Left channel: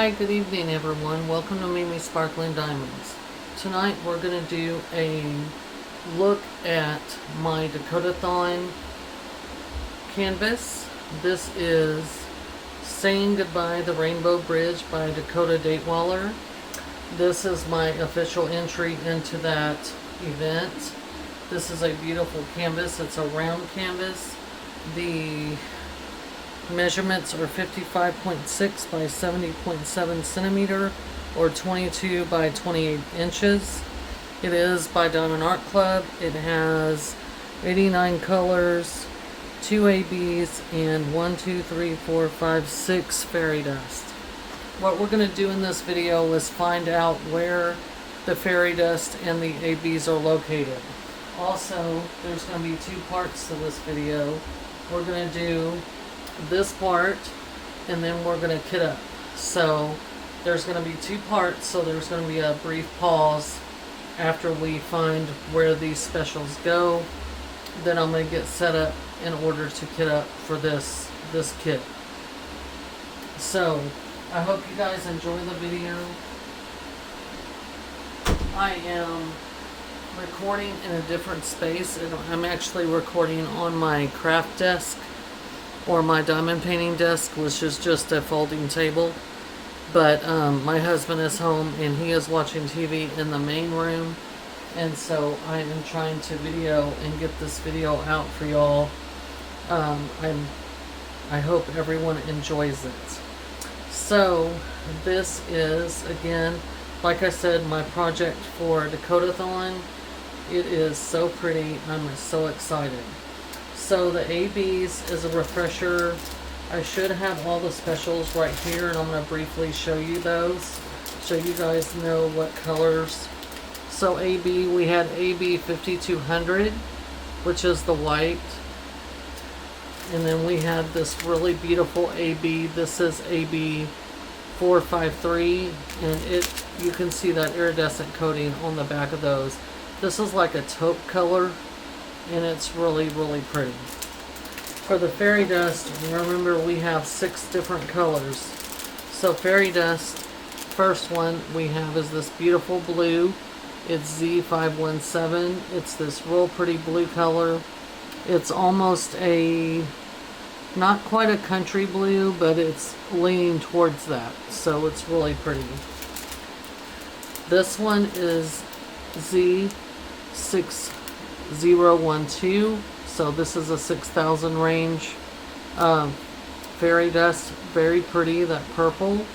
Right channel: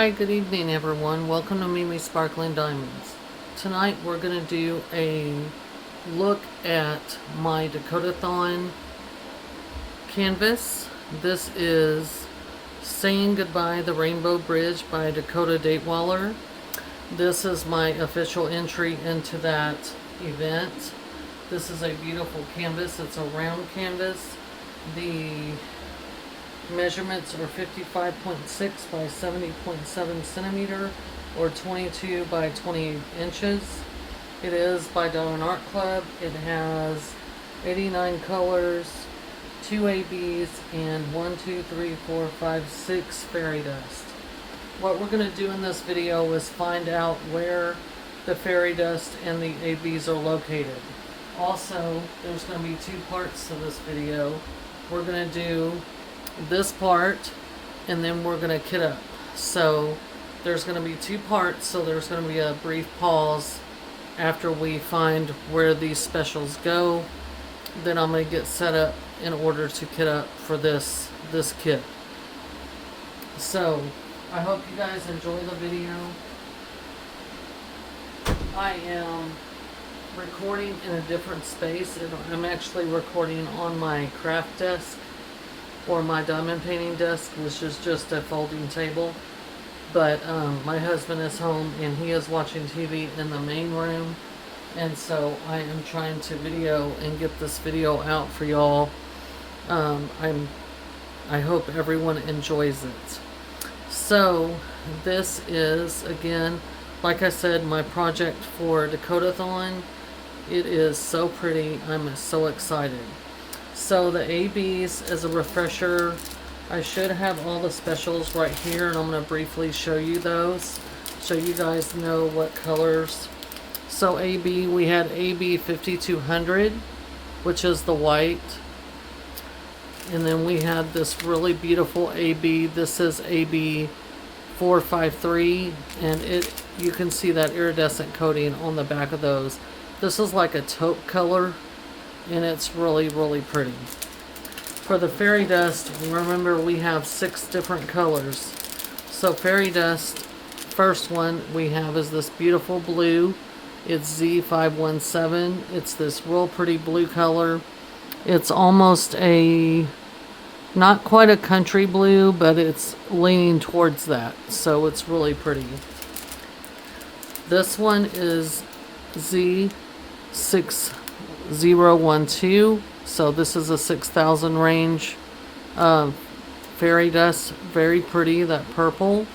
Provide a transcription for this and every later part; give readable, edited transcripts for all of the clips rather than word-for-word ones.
Hi, good evening everyone. Welcome to Mimi Sparkling Diamonds. Tonight we're going to do a look at my Dakotathon canvas. This is Saying Goodbye the Rainbow Bridge by Dakota Datewaller. This is my official entry into that event. This is a beautiful canvas. It's a round canvas. The measurements are 55.6 by 70.7 centimeter or 22 by 28 inches. It is by Diamond Art Club. It has 89 colors, 2 ABs, and 6 fairy dust. What we're going to do in this video is find out where the fairy dust and the ABs are located. Also, there's going to be two parts to this video. We're going to do this part and then we're going to kit up. So there's going to be two parts, so there's going to be a brief pause after we find where these specials go. Then I'm going to get set up in order to kit up for this kit. So I hope you guys enjoy the video. I am recording in a different space, and I'm actually recording on my craft desk, or my diamond painting desk, which is just a folding table. But my husband is home and he is watching TV in the main room, and so I am trying to video and get this video out for y'all. I hope everyone enjoys it. So this is, again, like I said, my project for Dakotathon. It is so pretty. I'm so excited. So the ABs, as a refresher, I should have all the specials right here, and I'm going to briefly show you those, so you guys know what colors. So AB, we had AB 5200, which is the white, and then we had this really beautiful AB. This is AB 453, and you can see that iridescent coating on the back of those. This is like a taupe color, and it's really, really pretty. For the fairy dust, remember we have 6 different colors. So fairy dust, first one we have is this beautiful blue. It's Z517. It's this real pretty blue color. It's almost not quite a country blue, but it's leaning towards that. So it's really pretty. This one is Z6012. So this is a 6,000 range fairy dust. Very pretty, that purple.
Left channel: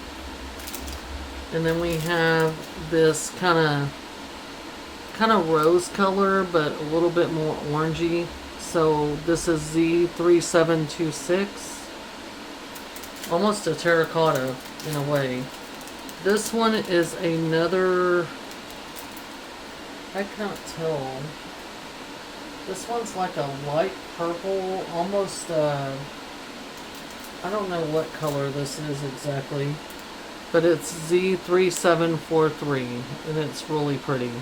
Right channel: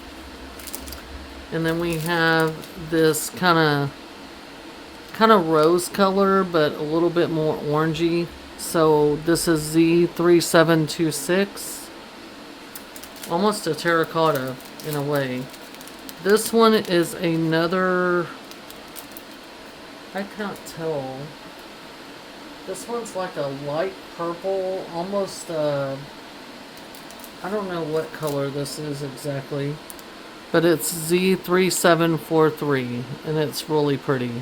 And then we have this kind of rose color, but a little bit more orangey. So this is Z3726. Almost a terracotta in a way. This one is another, I can't tell. This one's like a light purple, almost, I don't know what color this is exactly, but it's Z3743, and it's really pretty.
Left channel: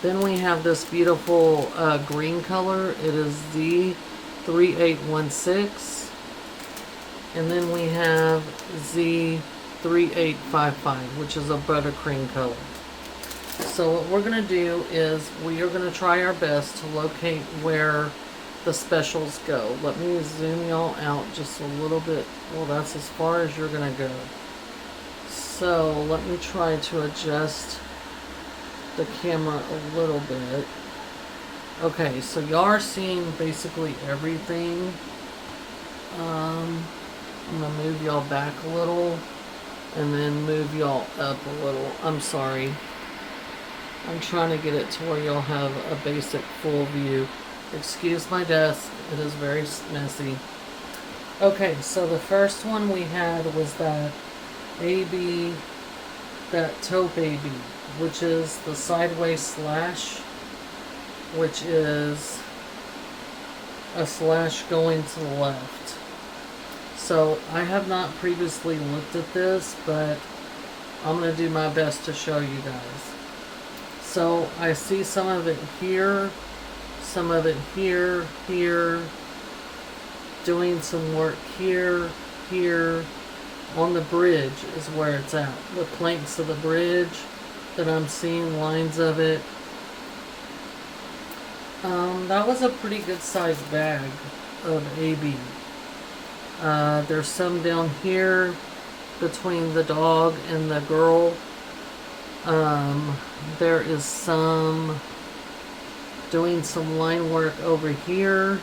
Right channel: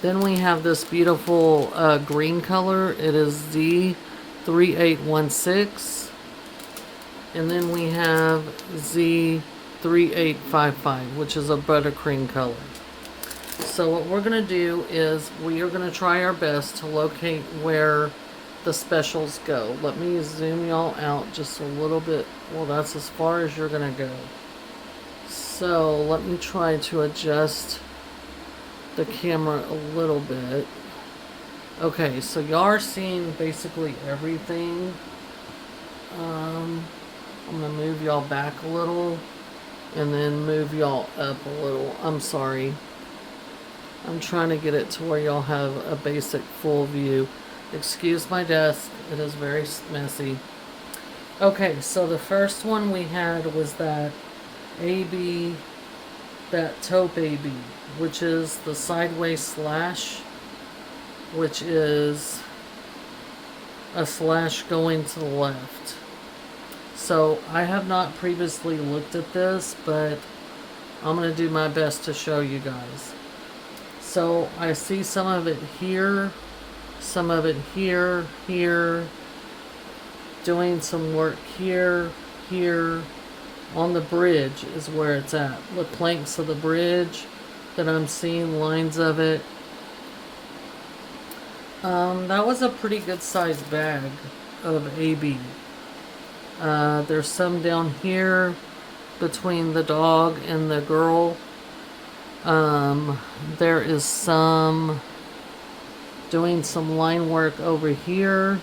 Then we have this beautiful green color. It is Z3816, and then we have Z3855, which is a buttercream color. So what we're going to do is we are going to try our best to locate where the specials go. Let me zoom y'all out just a little bit. Well, that's as far as you're going to go. So let me try to adjust the camera a little bit. Okay, so y'all are seeing basically everything. I'm going to move y'all back a little and then move y'all up a little. I'm sorry. I'm trying to get it to where y'all have a basic full view. Excuse my desk, it is very messy. Okay, so the first one we had was that AB, that taupe AB, which is the sideways slash, which is a slash going to the left. So I have not previously looked at this, but I'm going to do my best to show you guys. So I see some of it here, some of it here, doing some work here, on the bridge is where it's at. The planks of the bridge that I'm seeing, lines of it. That was a pretty good sized bag of AB. There's some down here between the dog and the girl. There is some doing some line work over here.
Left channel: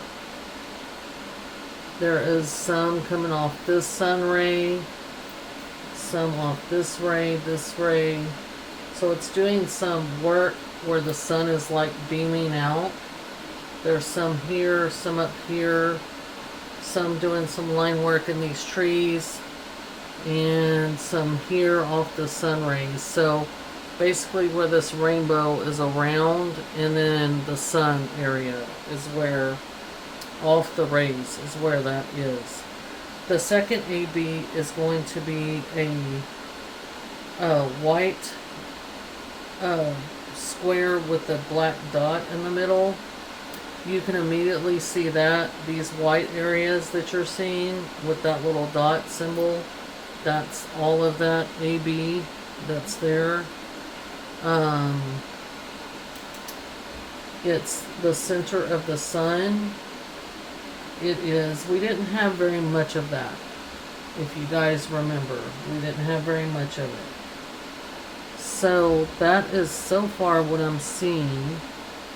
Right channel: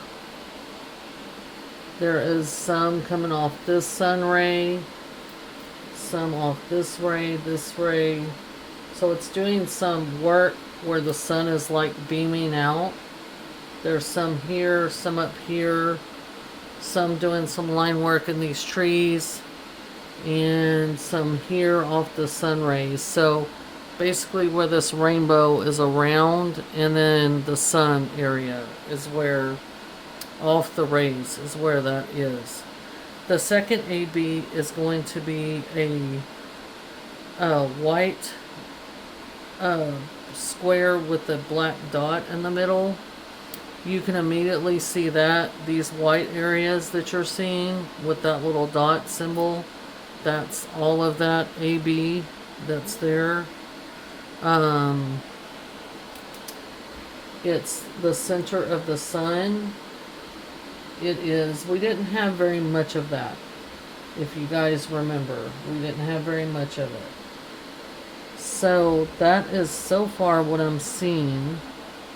There is some coming off this sun ray, some off this ray, this ray. So it's doing some work where the sun is like beaming out. There's some here, some up here, some doing some line work in these trees, and some here off the sun rays. So basically where this rainbow is around, and then the sun area is where off the rays is where that is. The second AB is going to be a white square with a black dot in the middle. You can immediately see that these white areas that you're seeing with that little dot symbol, that's all of that AB that's there. It's the center of the sun. It is, we didn't have very much of that. If you guys remember, we didn't have very much of it. So that is so far what I'm seeing.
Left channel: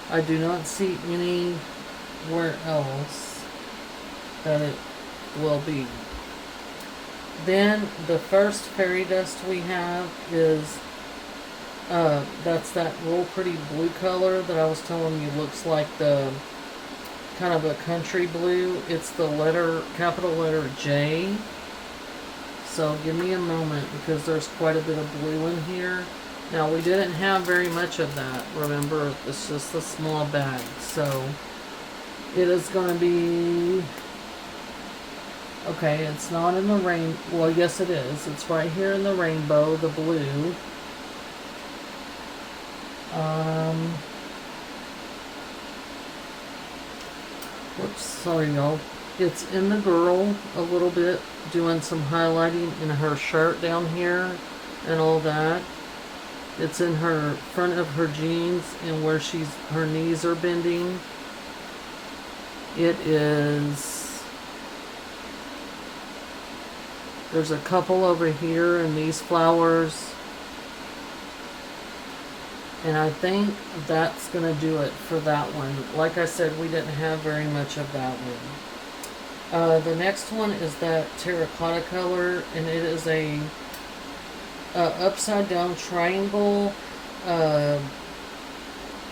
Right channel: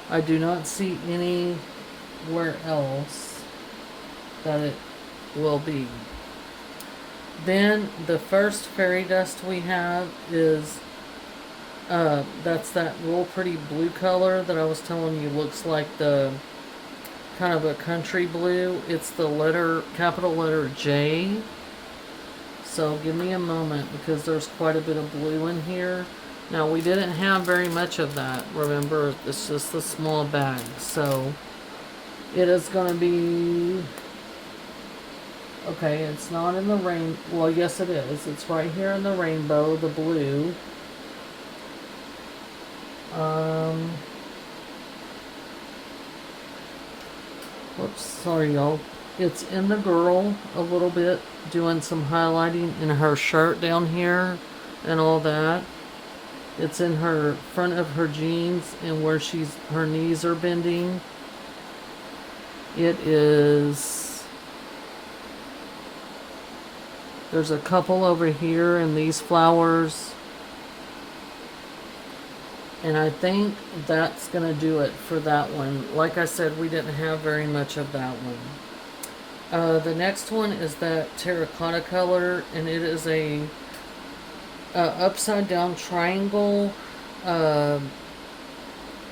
I do not see anywhere else that it will be. Then the first fairy dust we have is that's that real pretty blue color that I was telling you looks like the kind of a country blue. It's the letter, capital letter J. So give me a moment because there's quite a bit of blue in here. Now we didn't have very much of that. Remember, it's just a small bag. So it is going to be, okay, it's not in the rain. Well, yes it is. It's right here in the rainbow, the blue. Whoops, sorry y'all. It's in the girl a little bit, doing some highlighting in her shirt down here and all that. It's in her front of her jeans and where her knees are bending. It is, there's a couple over here in these flowers. And I think that's going to do it for that one. Like I said, we didn't have very much of that one. The next one is that terracotta color, and it is a upside down triangle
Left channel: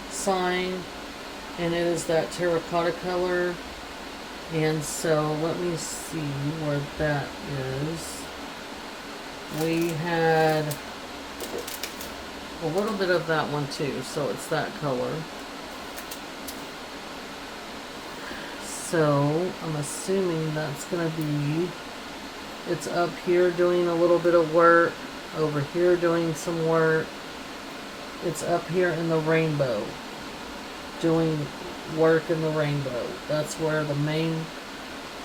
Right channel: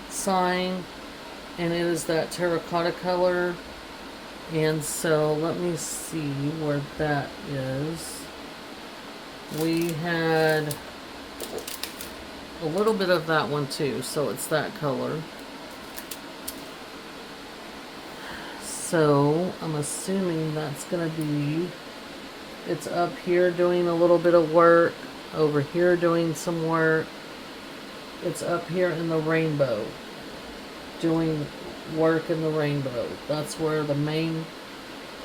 sign, and it is that terracotta color. And so let me see where that is. We had a little bit of that one too, so it's that color. So I'm assuming that's gonna be, it's up here doing a little bit of work, over here doing some work. It's up here in the rainbow doing work in the rainbow. That's where the main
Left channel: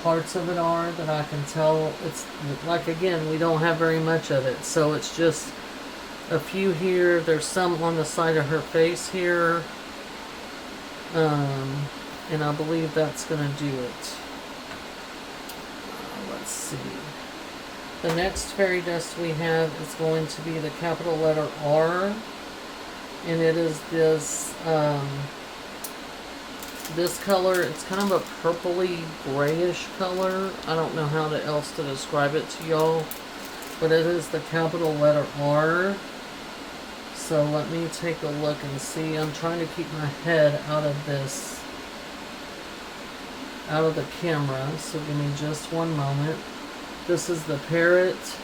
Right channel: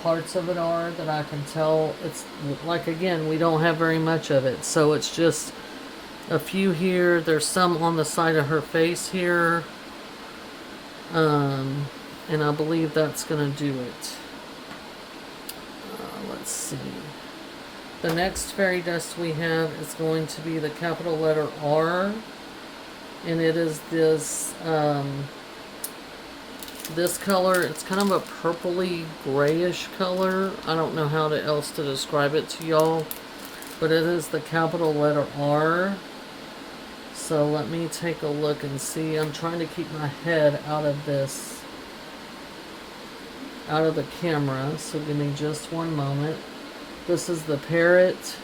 parts of it are that I can tell. It's like, again, we don't have very much of it, so it's just a few here. There's some on the side of her face here. And I believe that's going to do it. Let's see. The next fairy dust we have is going to be the capital letter R. And it is this, this color. It's kind of a purpley grayish color. I don't know how else to describe it to y'all. But it is the capital letter R. So let me take a look and see. I'm trying to keep my head out of this, out of the camera. So give me just one moment. This is the parrot.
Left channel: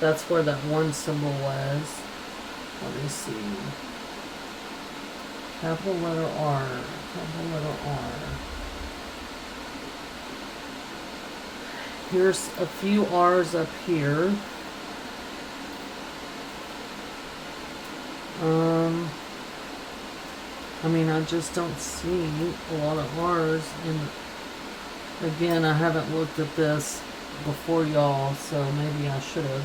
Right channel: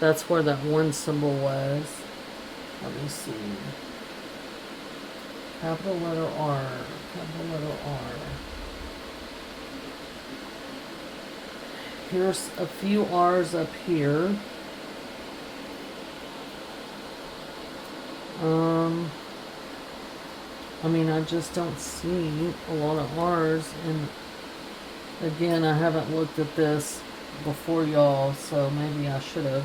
That's where that one symbol was. Let me see. Capital letter R. Capital letter R. Here's a few R's up here. I mean, I just don't see a lot of R's, and again, I haven't looked at this. before y'all, so maybe I should have.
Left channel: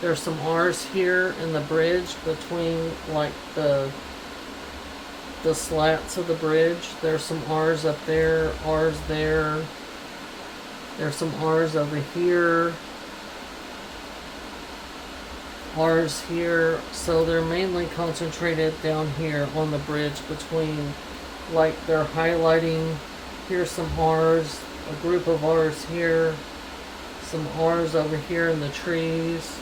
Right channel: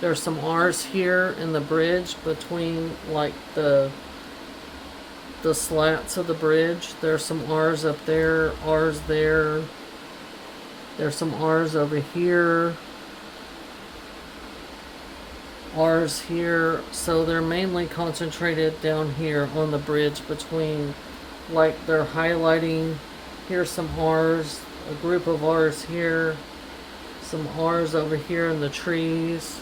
There's some R's here in the bridge between like the slats of the bridge. There's some R's up there, R's there. There's some R's over here. R's here. So they're mainly concentrated down here on the bridge between, like they're highlighting. Here's some R's, a group of R's here. Some R's over here in the trees.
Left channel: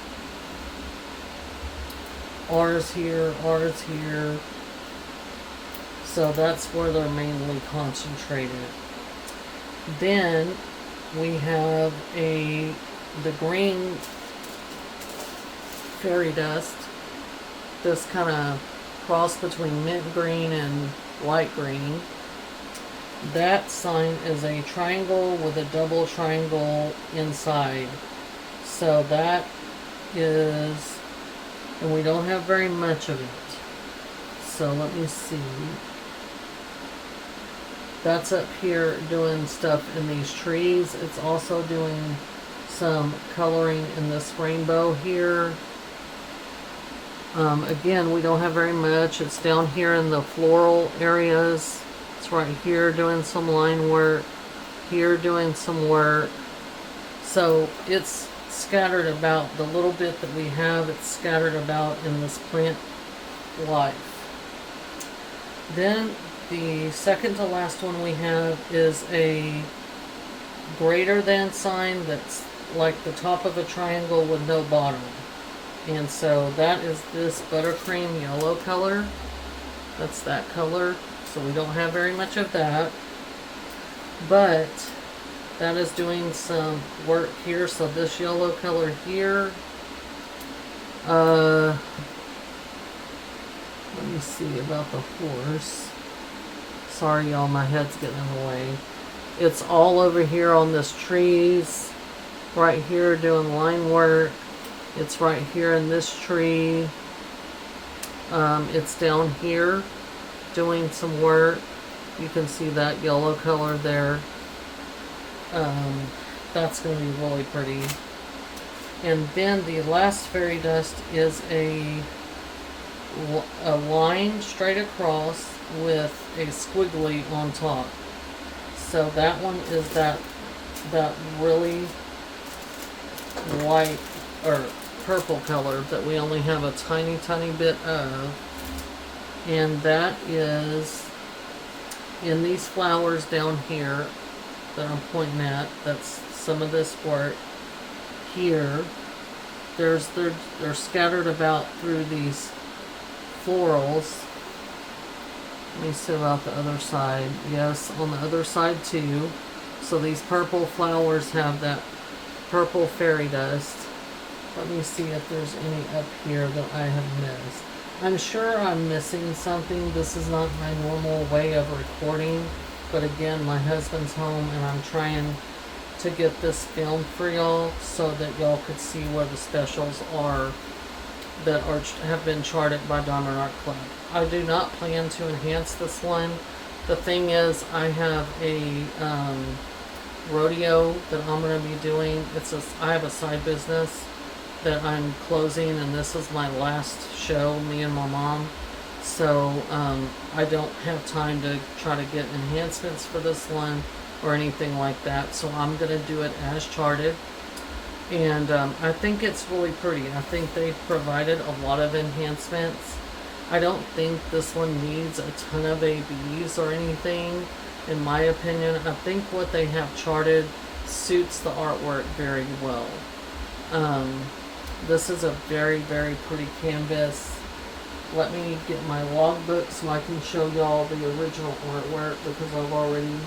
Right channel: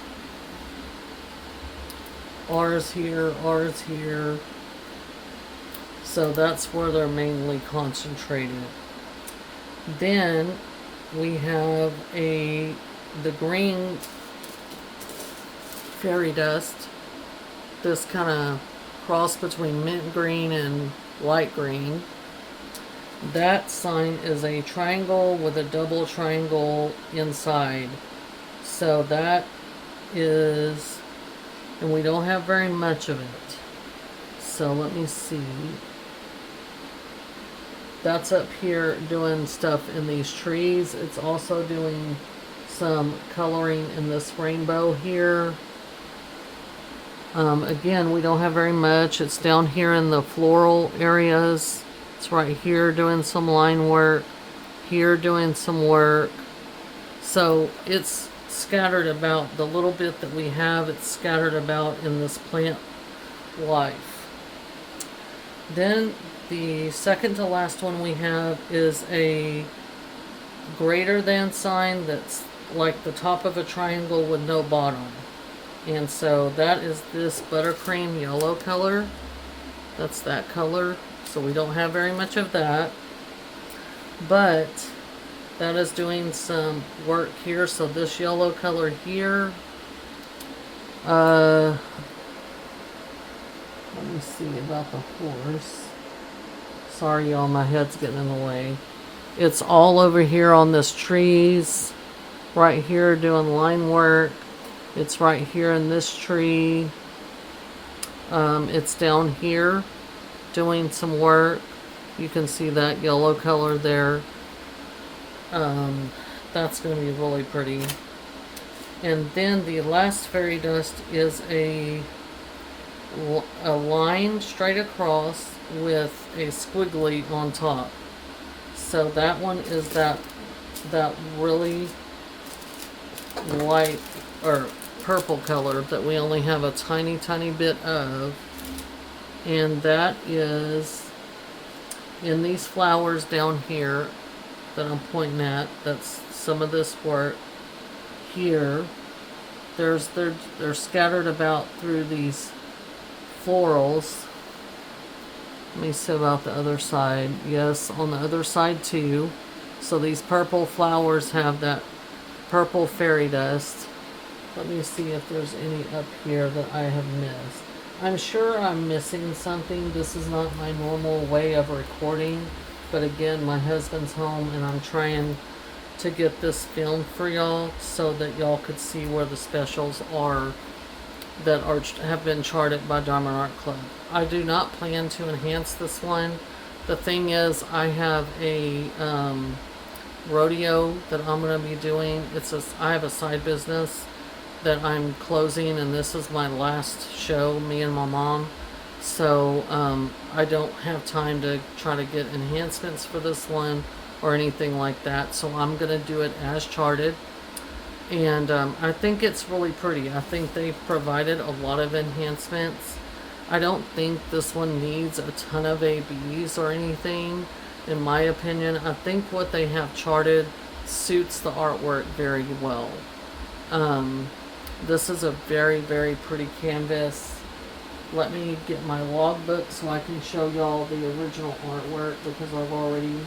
R's here, R's here. So that's where they're mainly concentrated. Then we have the green fairy dust. This kind of cross between mint green and light green. That sign is a triangle with a double triangle inside. So that is, and we don't have very much of it. So let me see. That's up here doing stuff in these trees. It's also doing some coloring in this rainbow here. Again, we don't have very much. It's down here in the floral areas. It's right here doing some line work. Here doing some work. So it's scattered about. The little bit that we have, it's scattered about in this plant life. Then the second to last one we have is a greater than sign that's like the top of a triangle with no bottom. And so that is this buttercream yellow color. That's that color. So we don't have very much of that. But that is doing some work here. So this yellow color here. Let me see about the horse. Sorry y'all, my head's getting in the way. It's all over here on this trees. Right here doing line work. It's right here in this tree. It's down here doing some work. You can see that yellow color there. That's going to be really pretty. And then the last fairy dust is a line straight across with a squiggly on top. So that one is that really light or purple color that we only have a tiny bit of, and that is in these flowers down here that I'm pointing at. That's some of this work here. They're scattered about through these florals. Let me see about the other side. Yes, on the other side too. So these purple flowers have that purple fairy dust. Let me see if there's any up here that I have missed. I'm sure I'm missing something. This is not my normal way of recording. But again, my husband's home and I'm trying to get this filmed for y'all so that y'all could see where the specials are that have been charted by Diamond Art Club. I do not plan to enhance this one. The thing is, I have a rodeo that I'm going to be doing. I have a side business that I'm closing, and this is my last show, me and my mom. So I don't have time to try to get enhancements for this one or anything like that. So I'm going to do it as charted. And I think it's really pretty. I think they've provided a lot of enhancements. I don't think this one needs a ton of ABs or anything, in my opinion. I think what they have charted suits the artwork very well. This is a very pretty canvas. Let me get my logbook so I can show y'all the original artwork, because I've already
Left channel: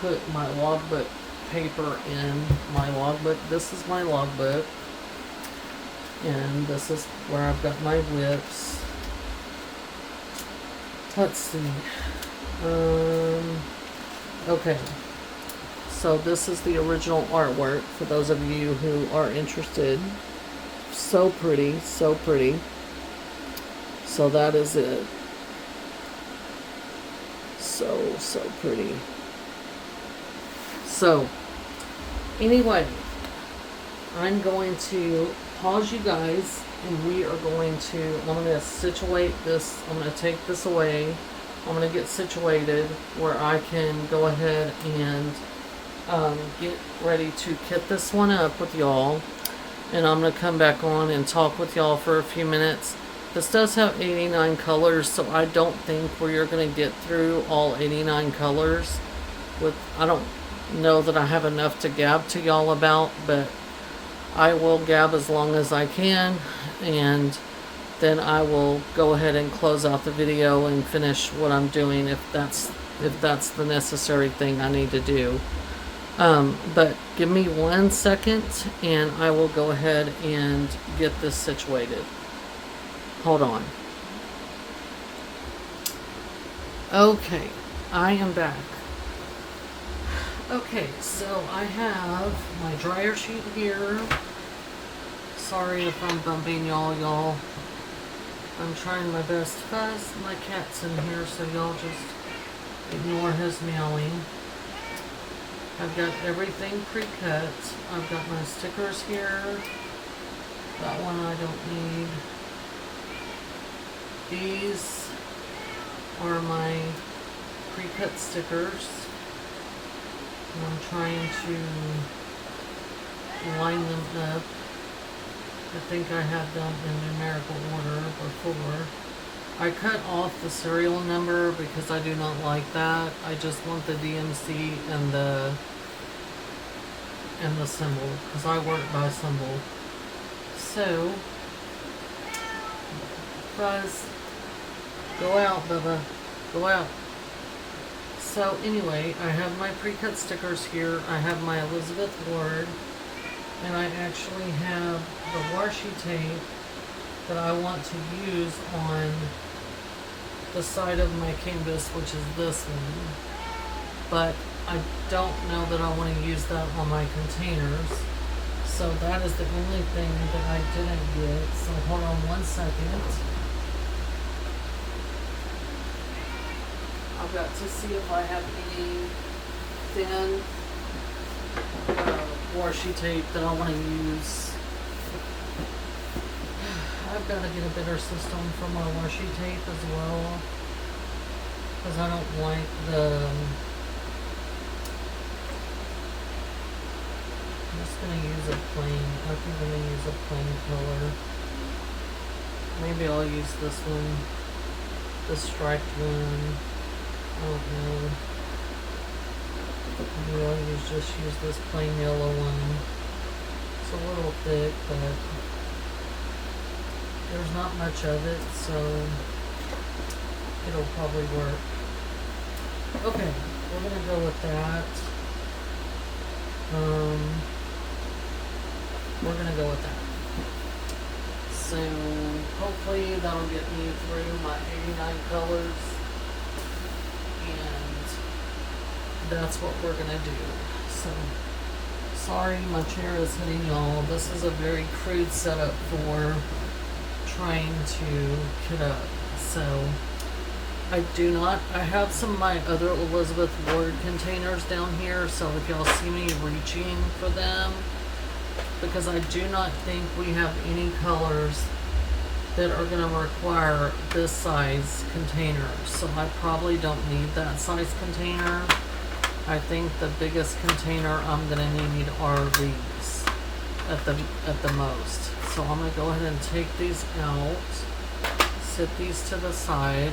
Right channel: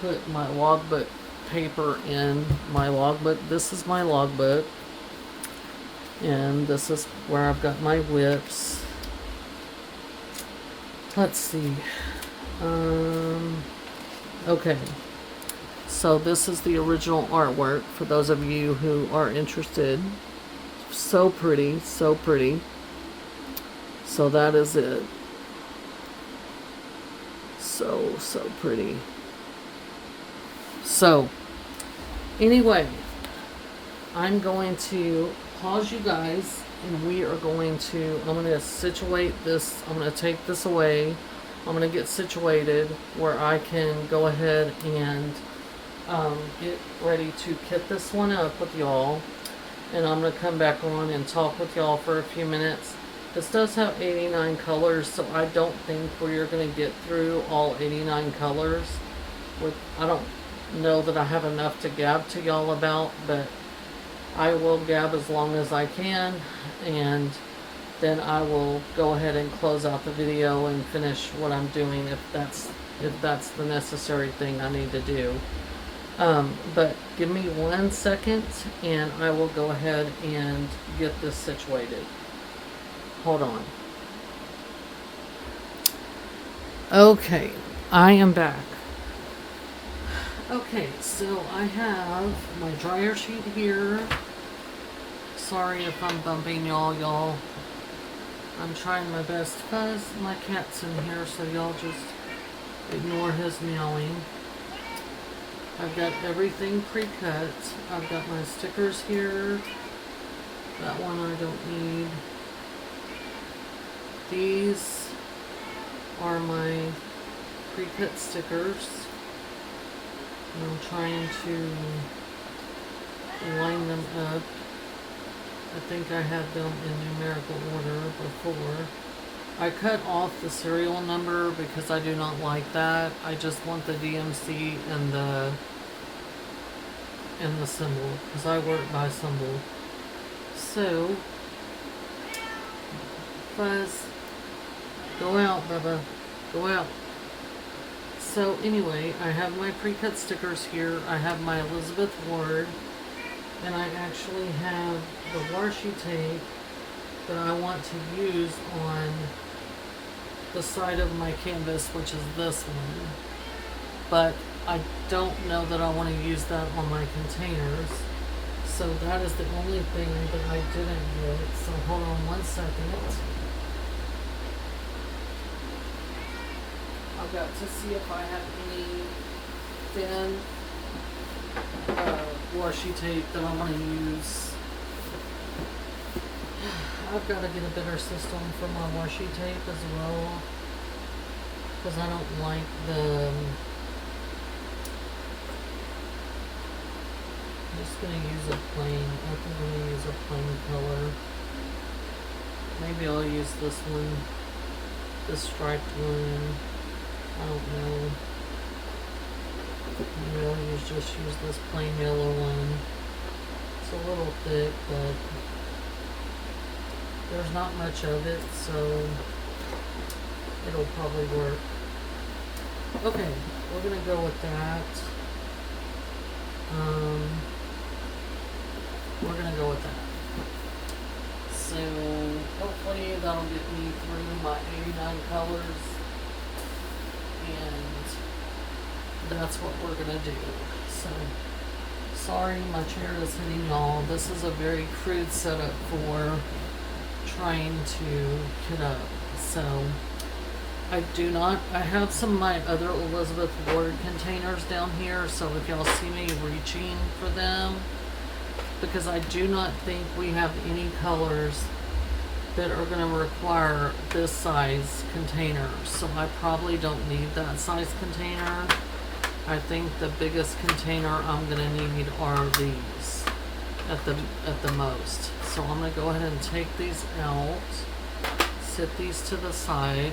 put my logbook paper in my logbook. This is my logbook, and this is where I've got my whips. Let's see. Okay, so this is the original artwork for those of you who are interested. So pretty, so pretty. So that is it. So pretty. So anyway, I'm going to pause you guys, and we are going to, I'm going to situate this, I'm going to take this away. I'm going to get situated where I can go ahead and get ready to kit this one up with y'all. And I'm going to come back on and talk with y'all for a few minutes. This does have 89 colors, so I don't think we're going to get through all 89 colors. I don't know that I have enough to gab to y'all about, but I will gab as long as I can, and then I will go ahead and close out the video and finish what I'm doing if that's the necessary thing I need to do. But give me 1 second and I will go ahead and get this situated. Hold on. Okay, I am back. Okay, so I have my dryer sheet here. Sorry if I'm bumping y'all. I'm trying my best. Fuzz, my cat's in here, so y'all just ignore his meowing. I've got everything pre-cut. I've got my stickers here. That one I don't need. These are my pre-cut stickers. And I'm trying to line them up. I think I had them in numerical order before. I cut off the serial number because I do not like that. I just want the DMC and the symbol, because I work by symbol. So, guys, go out, Bubba. Go out. So anyway, I have my pre-cut stickers here. I have my Elizabeth Ward, and I actually have the washi tape that I want to use on the side of my canvas, which is this one. But I don't know that I want to use that on my containers. So that is the only thing that I didn't get. So hold on 1 second. I've got to see if I have any thin washi tape that I want to use. I've got to get a better system for my washi tape as well, because I don't like the... I'm just going to use a plain, I think I'm going to use a plain color. Maybe I'll use this one, the striped one. I don't know. Maybe I'll just use this plain yellow one. It's a little thick, but there's not much of it, so it'll probably work. Okay, we're going to go with that. We're going to go with that. So hopefully that'll get me through my 89 colors. And that's what we're going to do. So, sorry my chair is hitting y'all. This is a very crude setup for trying to kit up. So, I have some of my other Elizabeth Ward containers down here. So, if y'all see me reaching for them, because I do not think we have any colors that are going to require this size container, so I probably don't need that size container. I think the biggest container I'm going to need are these at the most. So I'm going to go ahead and take these out, set these to the side,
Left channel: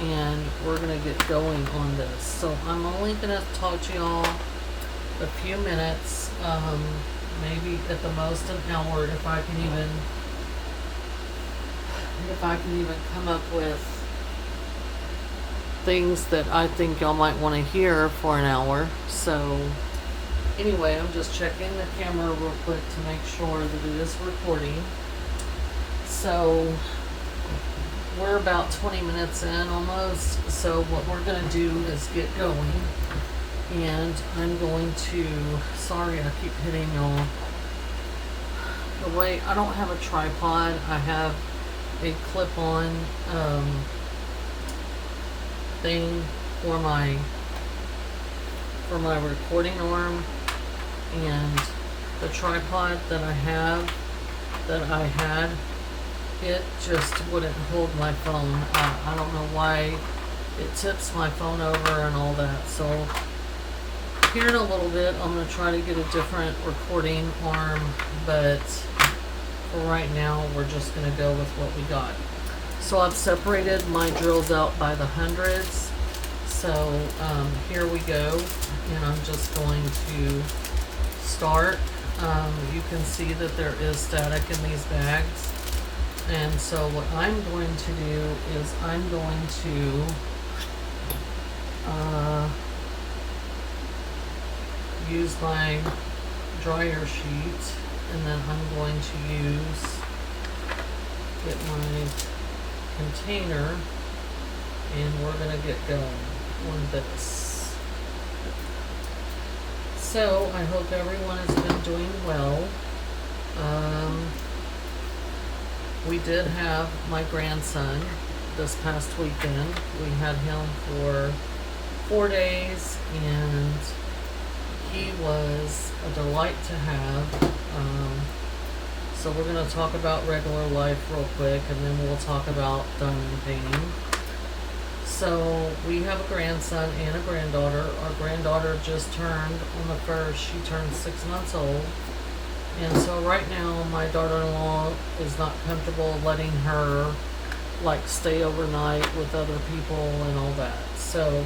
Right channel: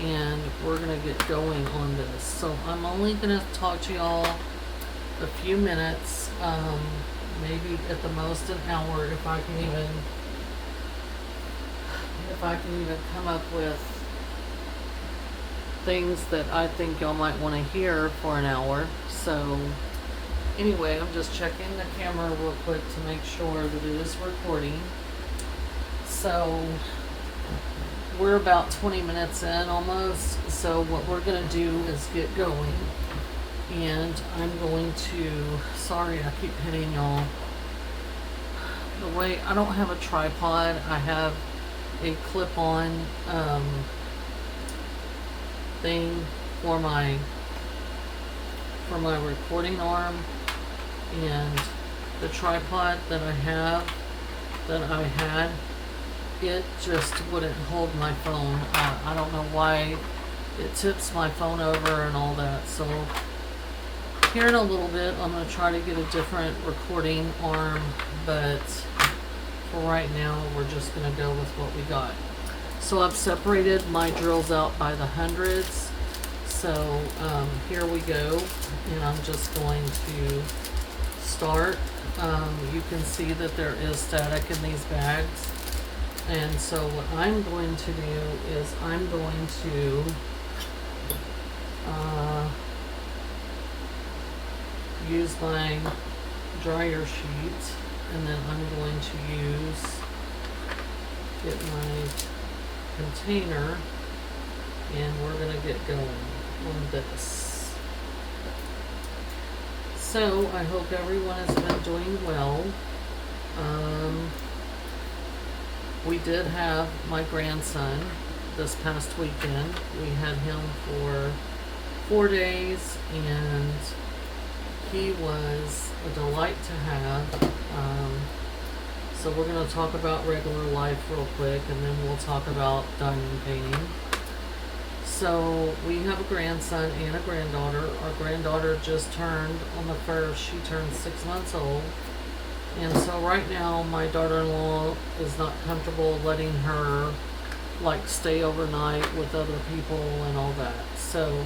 and we're going to get going on this. So I'm only going to talk to y'all a few minutes, maybe at the most an hour if I can even come up with things that I think y'all might want to hear for an hour. So anyway, I'm just checking the camera real quick to make sure that it is recording. So we're about 20 minutes in almost. So what we're going to do is get going. And I'm going to, sorry I keep hitting y'all. The way, I don't have a tripod. I have a clip-on thing for my recording arm, and the tripod that I had, it just wouldn't hold my phone. I don't know why it tips my phone over and all that. So here in a little bit, I'm going to try to get a different recording arm, but for right now, we're just going to go with what we got. So I've separated my drills out by the hundreds. So here we go, and I'm just going to start. You can see that there is static in these bags. And so what I'm going to do is I'm going to use my dryer sheet, and then I'm going to get my container, and we're going to get going on this. So I hope everyone has been doing well. We did have my grandson this past weekend. We had him for 4 days, and he was a delight to have. So we're going to talk about regular life real quick, and then we'll talk about diamond painting. So we have a grandson and a granddaughter. Our granddaughter just turned, on the 1st, she turned 6 months old. And so right now my daughter-in-law is not comfortable letting her like stay overnight with other people and all that. So,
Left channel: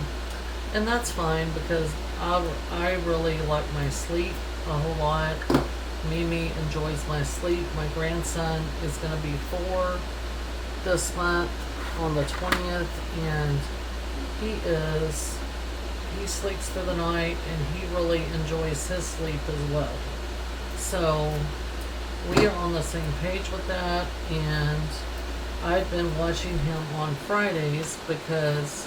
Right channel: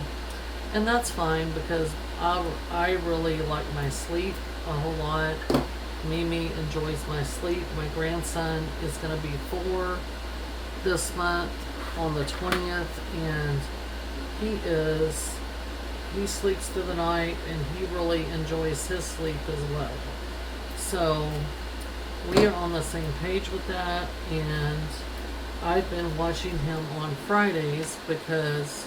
and that's fine, because I really like my sleep a whole lot. Mimi enjoys my sleep. My grandson is going to be 4 this month on the 20th, and he sleeps through the night, and he really enjoys his sleep as well. So we are on the same page with that, and I've been watching him on Fridays because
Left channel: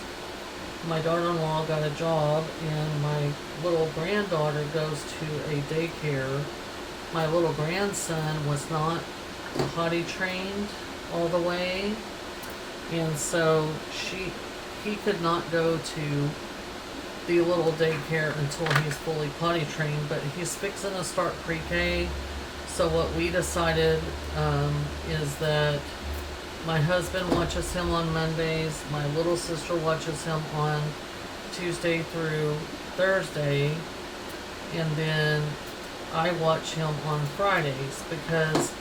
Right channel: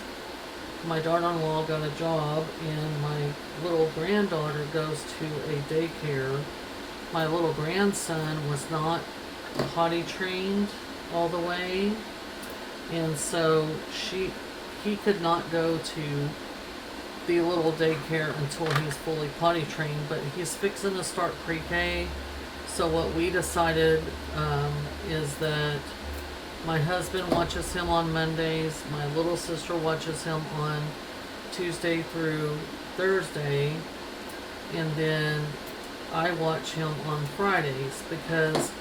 my daughter-in-law got a job, and my little granddaughter goes to a daycare. My little grandson was not potty trained all the way, and so he could not go to the little daycare until he's fully potty trained, but he's fixing to start pre-K. So what we decided is that my husband watches him on Mondays, my little sister watches him on Tuesday through Thursday, and then I watch him on Fridays, because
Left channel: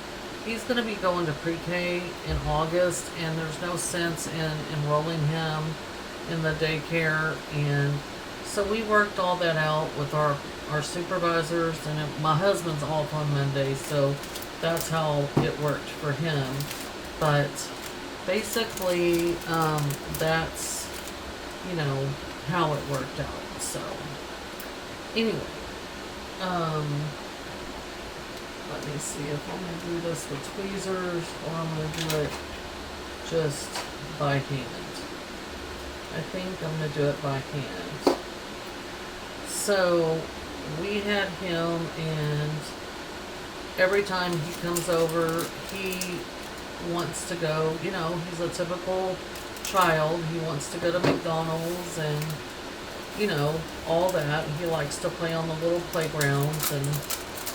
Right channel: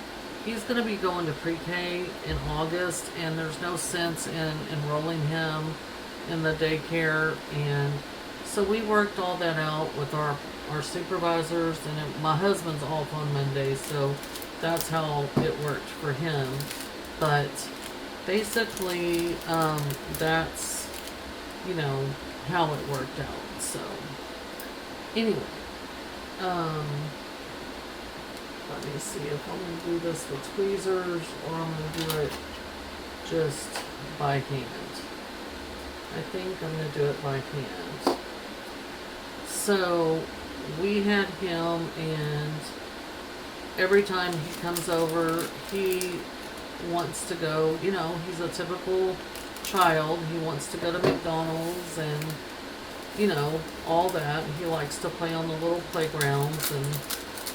he's going to be going to pre-K in August, and there's no sense in enrolling him in the daycare. And so we worked all that out with our supervisors, and my husband's off on Monday, so that's how it worked for him. But basically, that's, how it worked out. So anyway, let me see if I'm going to do this with tweezers, or I'm going to do it just by hand. I think I'm going to do it by hand. So we had him, and every time he comes over, he wants to go, he's a typical child. He wants to go to McDonald's and, all that. He likes to play on the little playgrounds and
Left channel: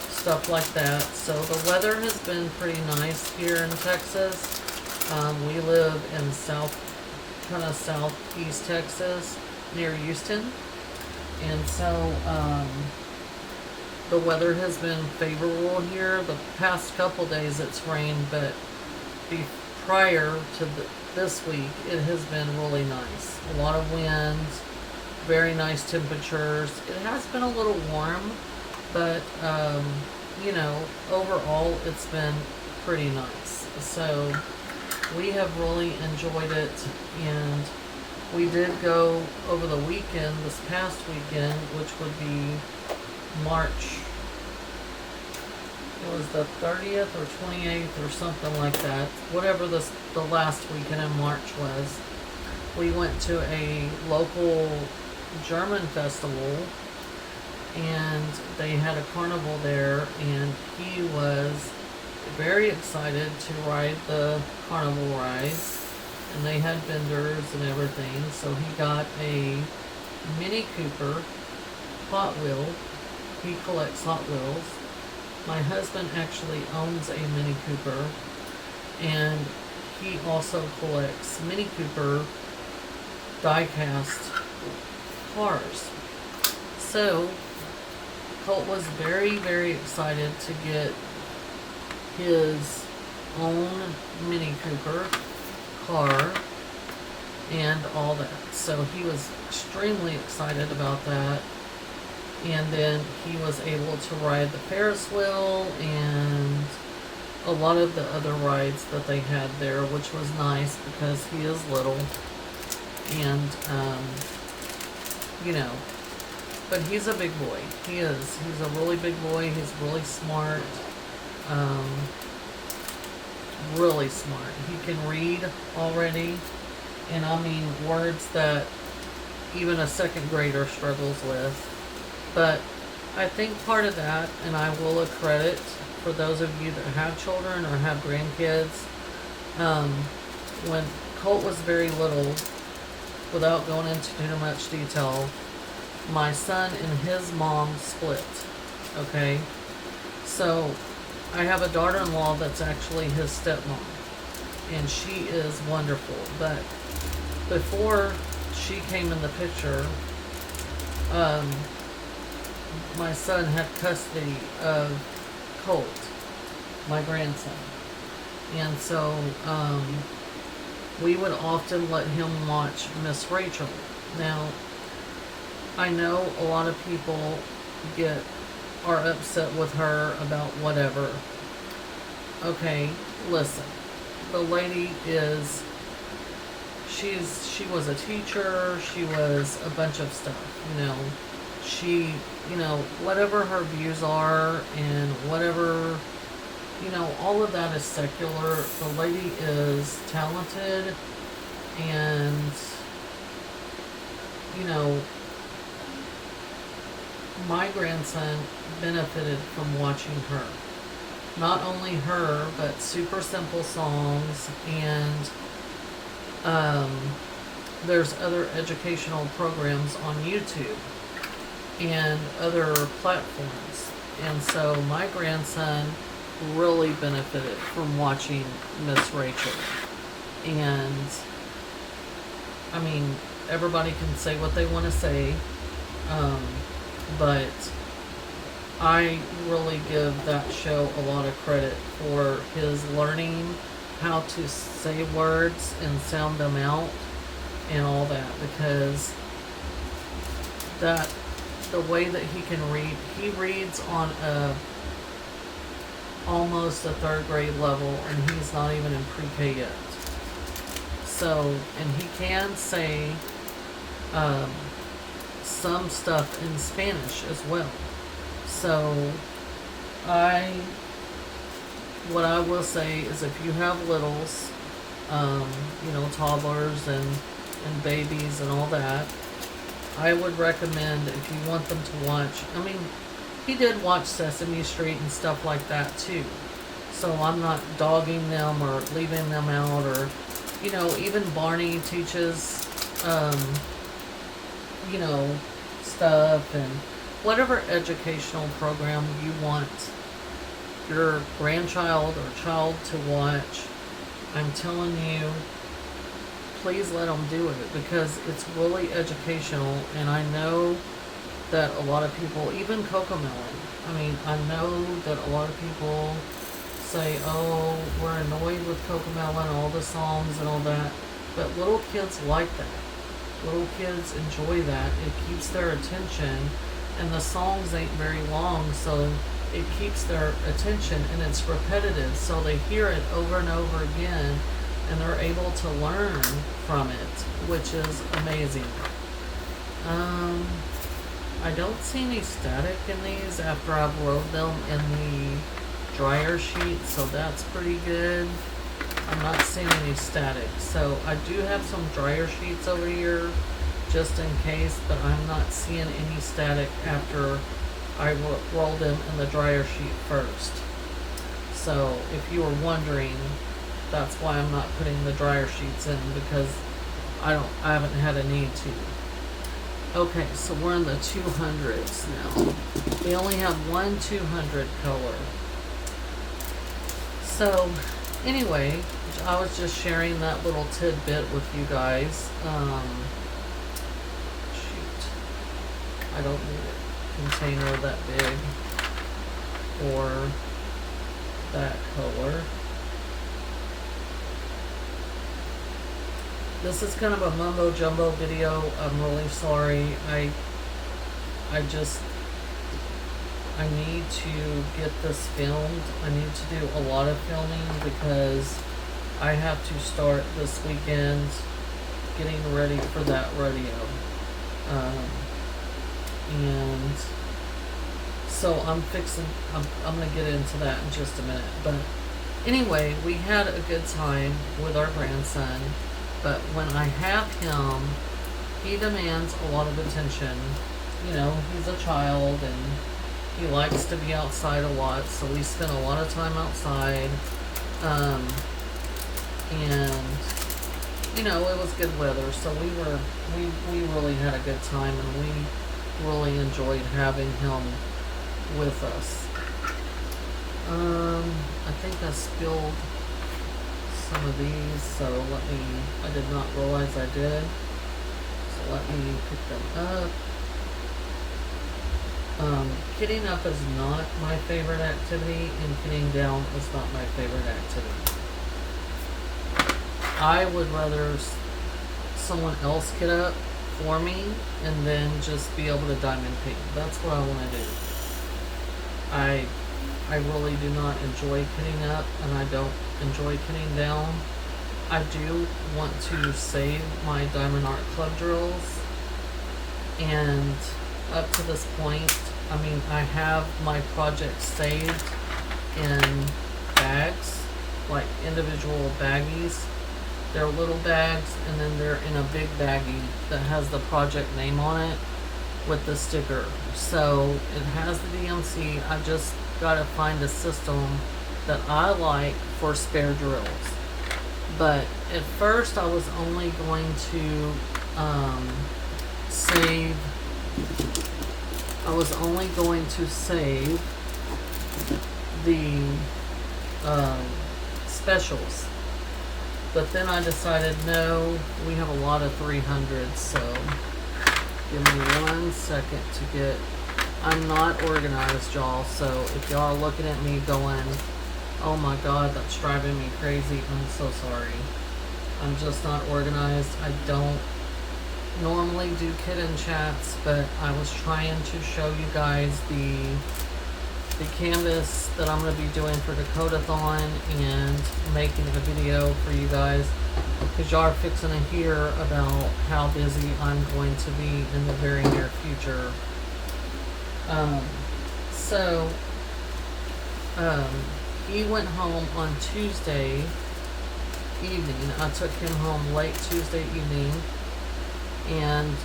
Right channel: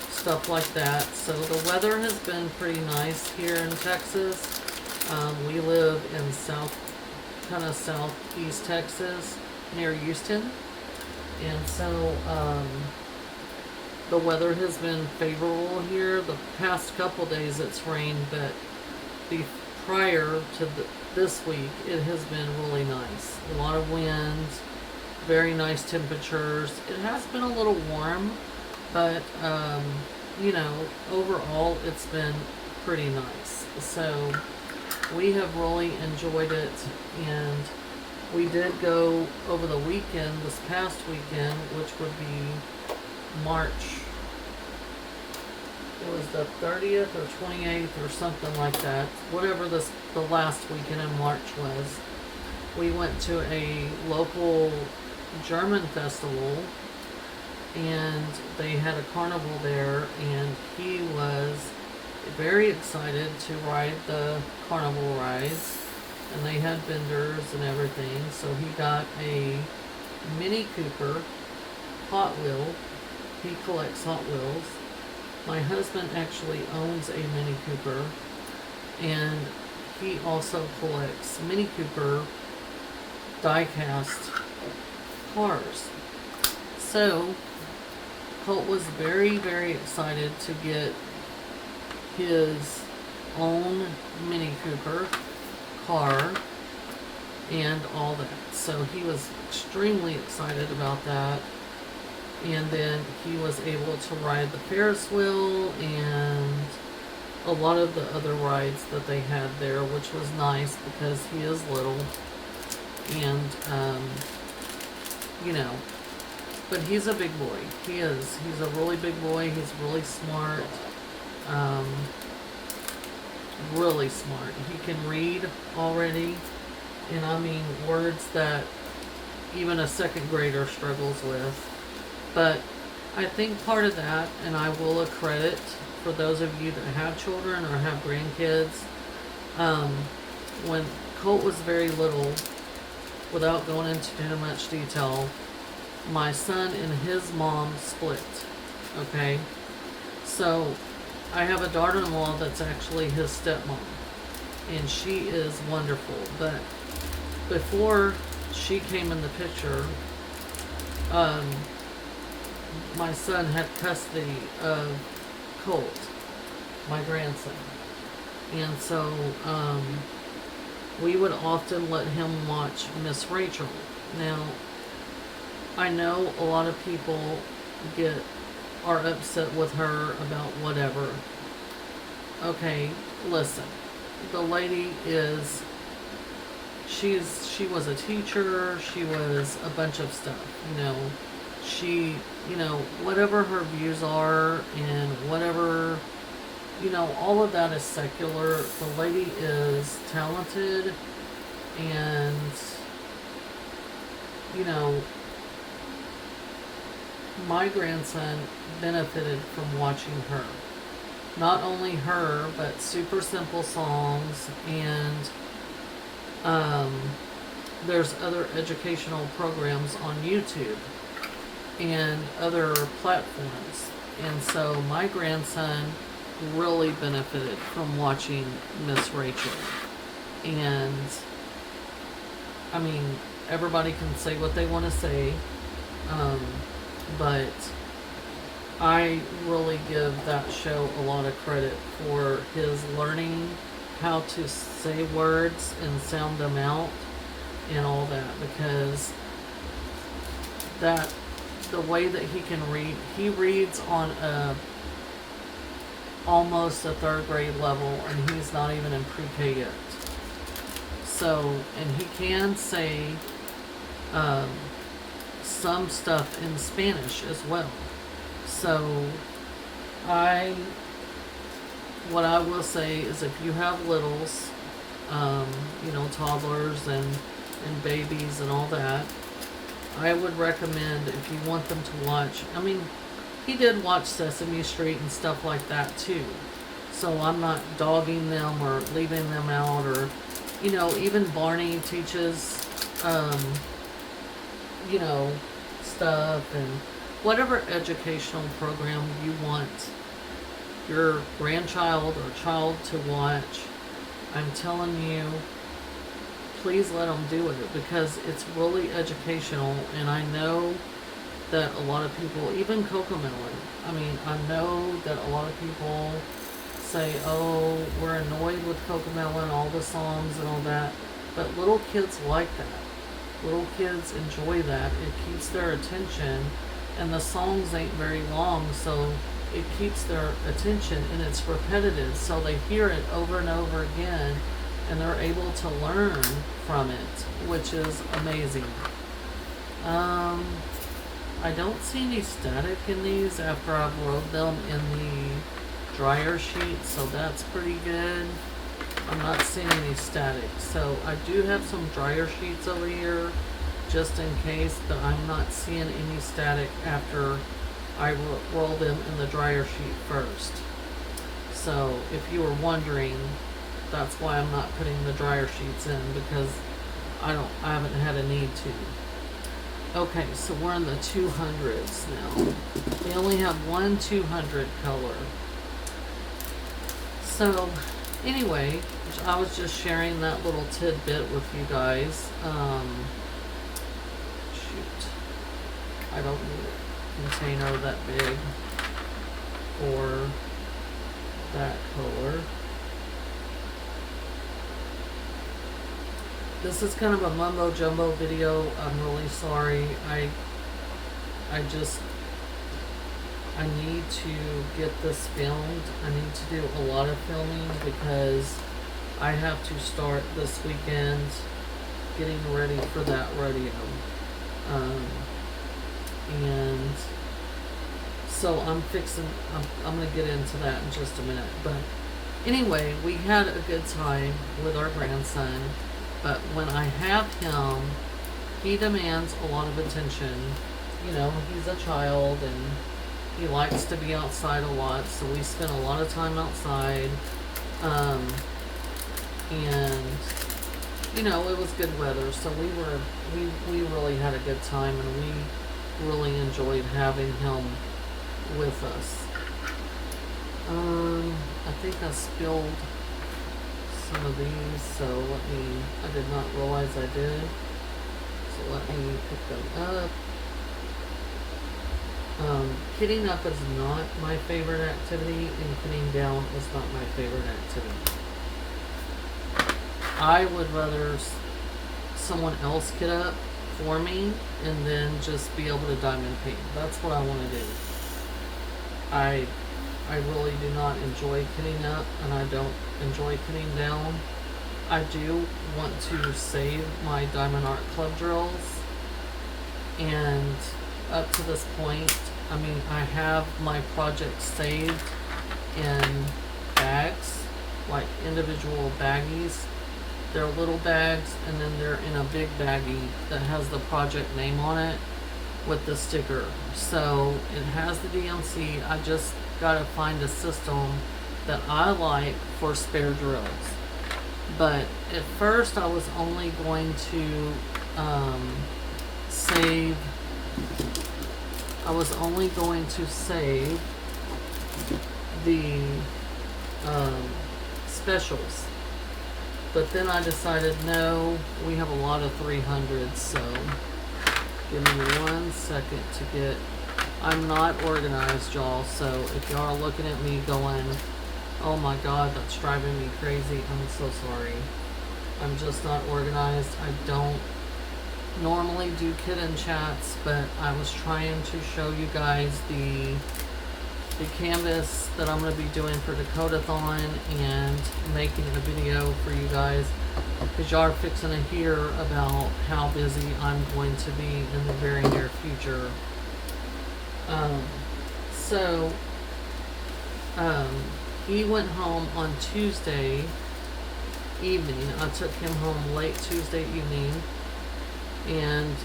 stuff like that. So the weather has been pretty nice here in Texas. We live in southeast Texas, near Houston. And so the weather has been favorable here. The past couple days it's rained, but prior to this week, it has been really nice. A lot of wind, very nice temperatures. It has been a little warm, but overall it's been pretty nice. So we have really enjoyed it, and we did go over the weekend, this past weekend, which would be March. It was the 30th or 28th or something like that. Whatever the last weekend in March was. We went to a local German festival, and they had a carnival there, and he was very excited to ride the carnival rides. And they had vendors and everything, so he got a Mini Cooper Hot Wheel. He collects Hot Wheels, My husband actually owns a Mini Cooper, and he also collects Mini Cooper die-cast cars. So Colt was very, very excited to get his own Mini Cooper car and all that. So he was extremely excited about that. And then he was able to ride the Ferris wheel and a lot of the other rides that they had there, which was nice because he is little. And, you know, but he's a big boy. He is. He's a really big boy. He's really smart. Really smart. He can read already. And I mean, words that even a second grader struggles with. But I think part of that, and I will accredit for those of you that have children or have grandkids, when Colt was very little, without going into too much detail, my son and his mom split, okay? So I have a daughter-in-law that's actually his stepmom, and she is wonderful. But before she came in the picture, my son had custody of Colt, my grandson. And so we would often let him watch Miss Rachel. Now, I know a lot of people are upset with her about whatever. Okay, listen. The lady is, she was a teacher, she was a bunch of stuff, you know. She, you know, whatever her views are and whatever, you know, all of that is secular. The lady is talented and, you know, my grandson benefited from watching her. Not only her, but Super Simple Songs, and there's other educational programs on YouTube and other platforms. And so my grandson really benefited from watching Miss Rachel. And I mean, everybody can say what they want to say, but I really give that show a lot of credit for his learning how to say words and sound them out and all that, because the way that he can read, he reads on almost a third grade level, and he's not even in pre-K yet. So, and he can say some stuff in Spanish as well. So, what I will say is, if you have littles, you know, toddlers and babies and all that, I would recommend, if you want them to watch, I mean, he did watch Sesame Street and stuff like that too. So I'm not dogging them or leaving them out, or, you know, even Barney teaches, you know, stuff, and whatever educational program you want your grandchild or child to watch, I'm telling you, please let them do it, because it's really educational. And I know that a lot of people, even Cocomelon, I mean, I know that a lot of people say, oh, we're annoyed with Cocomelon, all the songs and all that, but little kids like that. Little kids enjoy that. It keeps their attention, and the songs ain't very long, so it keeps their attention, and it's repetitive, so they hear it over and over again, and they're able to learn from it, which is amazing. I don't see any static in these after I've rolled them in the dryer sheet, so that's pretty good. I'm not seeing any static. So I do have some dryer sheets over here just in case, but I'm not seeing any static after I roll them in the dryer sheet first. So if you were wondering, that's why I'm not putting the dryer sheets in, because I haven't had a need to. Okay, so we're in the 200s now. We only have one 200 color. So, anyway, I was just sharing that little tidbit with you guys. Shoot. I don't need a container that big for that color. This is kind of a mumbo jumbo video. I'm really sorry. I need to get this filmed. I need to do a lot of filming because I have to start this weekend getting ready for that rodeo. And so I'm going to get into that in just a minute. But anyway, we had a good time with our grandson. But when I have him, he demands a lot of attention. You know, he's a child and he likes to be outside a lot, so we spent a lot of time outside. And you know, it was good weather, so we really had a good time, and we really enjoyed having him with us. I think I spilled some of these, so I did not realize I did. So let me pick them up. Kitting up is not my favorite activity, and kitting down is not my favorite activity. I would rather someone else kit up for me and then just be able to diamond paint. That's what I want to do. I really do not enjoy kitting up, and I don't enjoy kitting down. I do want to save my Diamond Art Club drills, and up to this point, I mean, I have my projects saved in bags, like individual baggies. They're little bags, and then they're in a big baggie that has the project name on it with the sticker. So it has the DMC. I just got to find a system that I like for spare drills. But at first I was only going to save the specials. But then I decided, no, we have a lot of 300s, so give me 1 second to get... I'm not organized, y'all, so if y'all are looking at me going, oh my god, that's driving me crazy, I'm so sorry. I'm just not organized. I don't normally do kit-in chats, but I was trying to show you guys the canvas that I'm going to be doing for Dakotathon and making a video for you guys, because y'all are fixing to hear about how busy I'm going to be in the very near future. He went home on Tuesday evening. I took him home late Tuesday evening, and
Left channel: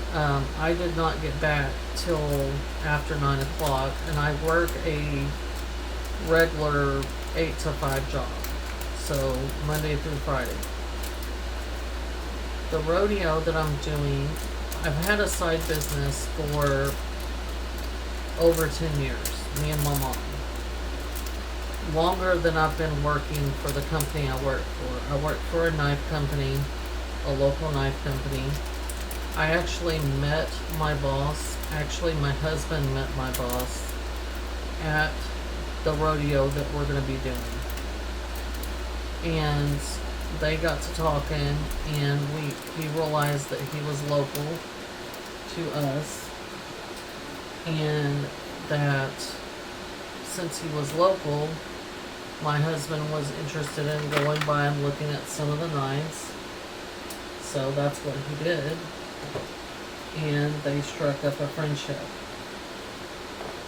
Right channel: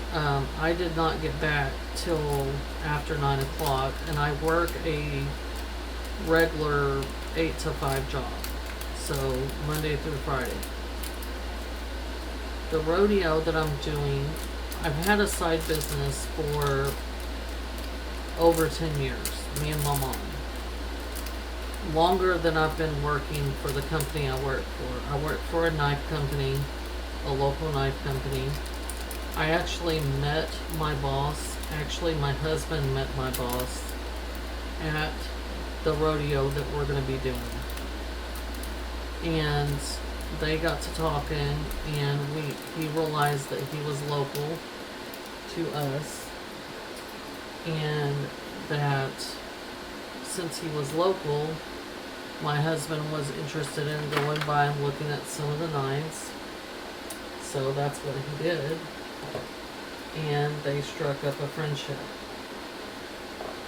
I did not get back till after 9 o'clock, and I work a regular 8 to 5 job, so Monday through Friday. The rodeo that I'm doing, I've had a side business for over 10 years, me and my mom. Longer than I've been working for the company I work for. I work for a knife company, a local knife company. I actually met my boss, actually my husband met my boss at the rodeo that we're going to be doing. And they got to talking, and he realized that he was local to us, and that since he was local, my husband was interested in going by and looking at some of the knives. So that's what he did. And they struck up a friendship.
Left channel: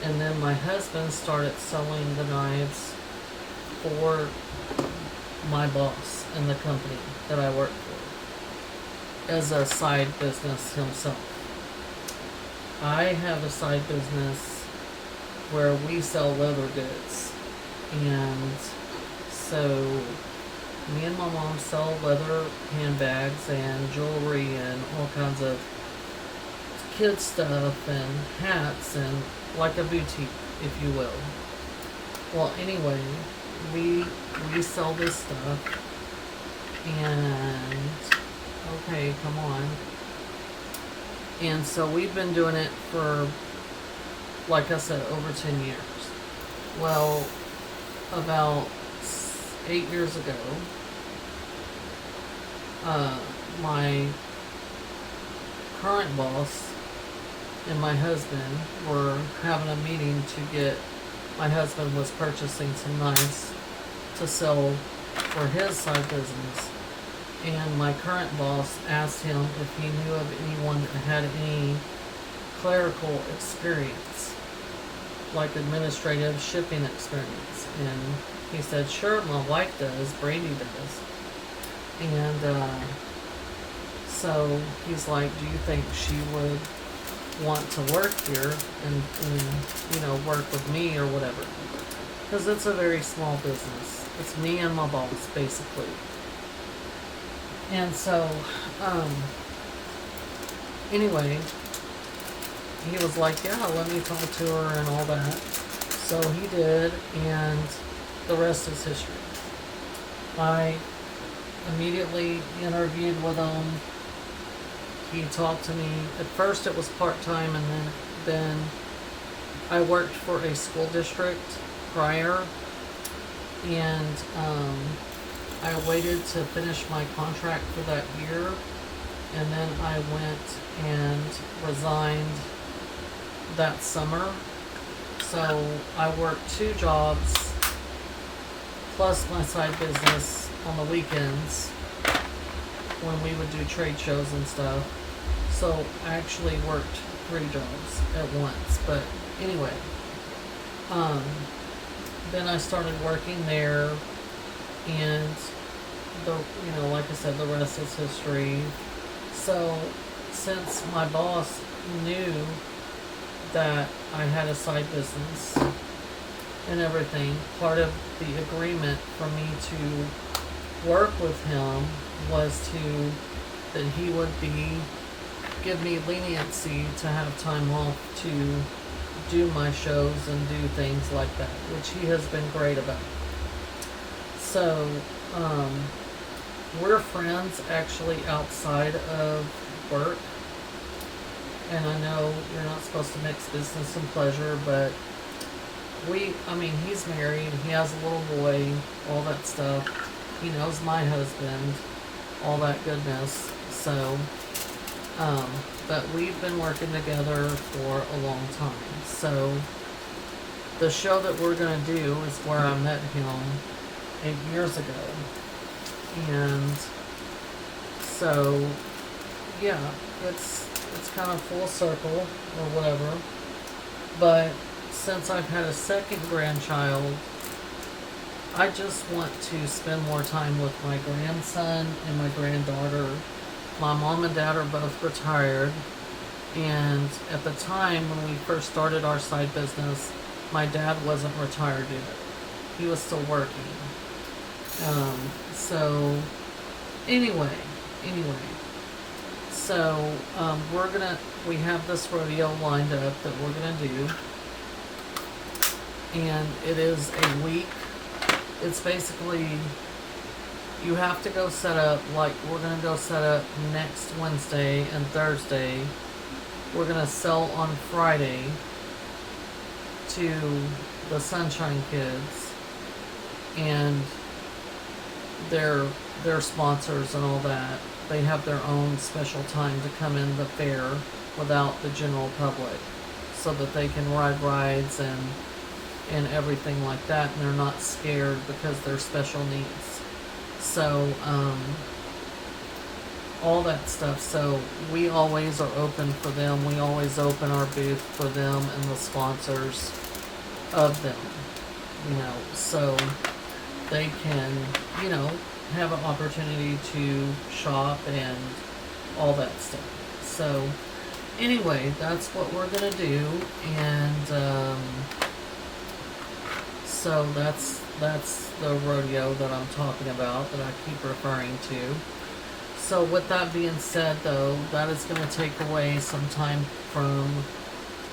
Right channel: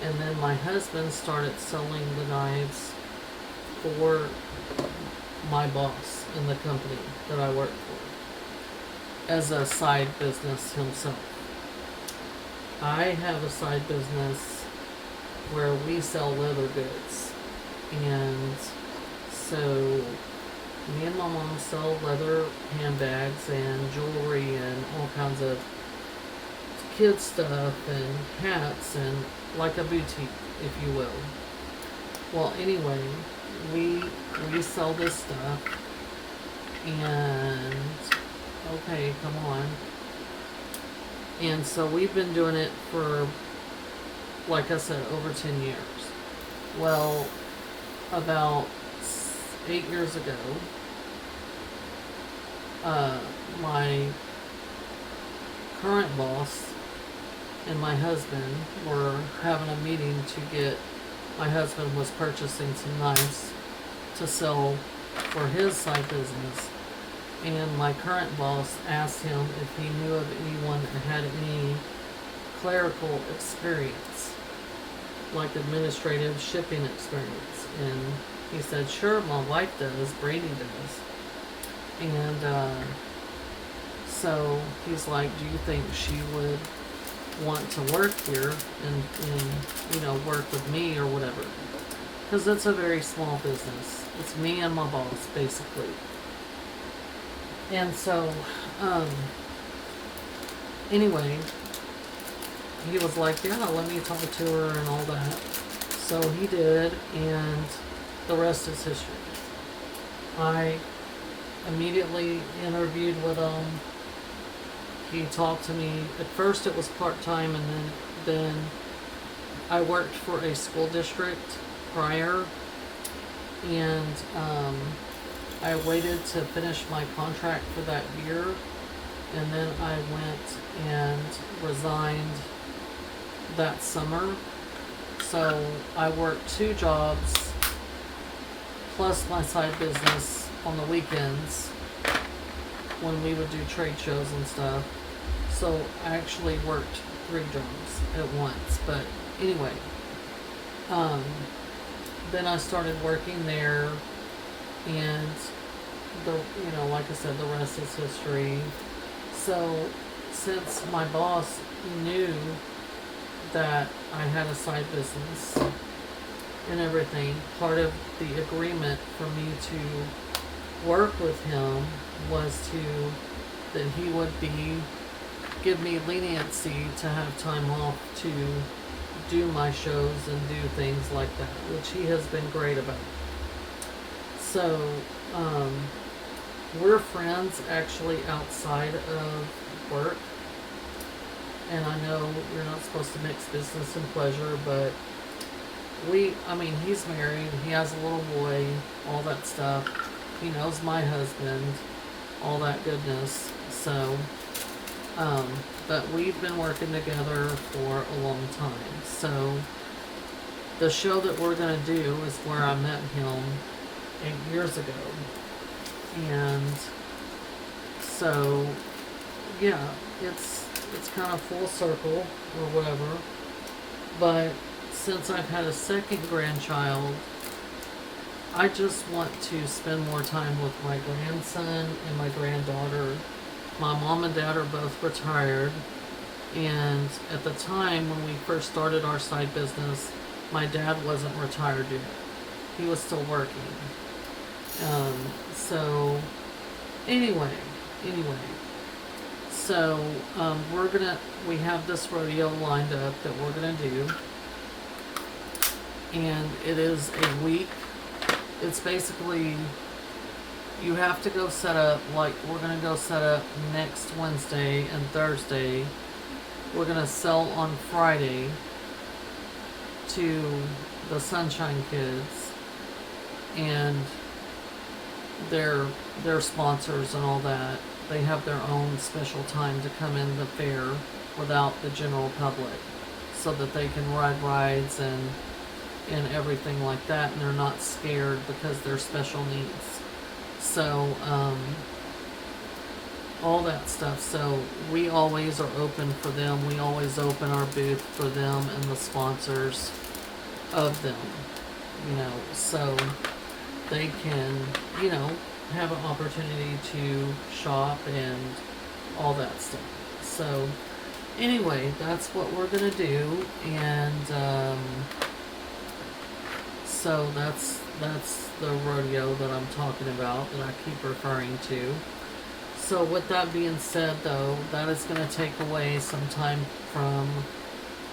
And then my husband started selling the knives for my boss in the company that I work for as a side business himself. I have a side business where we sell leather goods, and so me and my mom sell leather handbags and jewelry and all kinds of kid stuff and hats and like a boutique, if you will. Well, anyway, we sell this stuff, and okay, come on. And so we've been doing it for, like I said, over 10 years. Well, about 8 years ago, my current boss and my husband were having a meeting to get, my husband was purchasing some knives to sell for his side business. And my current boss asked him if he knew of anyone that had any clerical experience, like administrative shipping experience. And he said, sure, my wife does, Brady does. And so he's like, do you think she would want to work here and you know, work with me or whatever? Because it's a very small business. It's me and my boss, basically. And so, anyway, he was like, yeah, let me talk to her and all that. So he did, and the rest is history. I immediately interviewed with him. He talked to me. At first it was part-time, and then I worked for a school district prior, and I waited to finish my contract for that year, and then I went and resigned that summer. So I worked 2 jobs plus my side business on the weekends when we would do trade shows and stuff. So I actually worked 3 jobs at once. But anyway, then I started working there, and you know, like I said, the rest is history. So since my boss knew that I had a side business and everything, part of the agreement for me to work with him was that he would give me leniency to have time off to do my shows and do things like that, which he has been great about. So, we're friends actually outside of work. And I know you're not supposed to mix business and pleasure, but he's married, he has a little boy, all that stuff. He knows my husband, all that goodness. So, but we've been working together for a long time. So, the show that we're going to do is where I met him 8 years ago. And so, yeah, it's kind of full circle or whatever. But since I've had a second grandchild, I just want to spend more time with my grandson and my granddaughter. My mom and dad are both retired, and at the time when we first started our side business, my dad wasn't retired yet. He was still working. So anyway, so we have this rodeo lined up that we're gonna do, and it is a week. It's basically, you have to go set up, like we're gonna go set up next Wednesday and Thursday. We're gonna sell on Friday to the Sunshine Kids and their sponsors and all that. They have their own special time to come in the fair without the general public, so that they can ride rides and everything like that, and they're not scared because they're special needs. So all that stuff. So we always are open for them. We always open our booth for them and the sponsors of them, you know, so they can, you know, have an opportunity to shop and all that stuff. So anyway, that's what we're gonna do, and so that's the rodeo that I'm talking about, that I keep referring to. So with that being said, though, that is going to take away some time from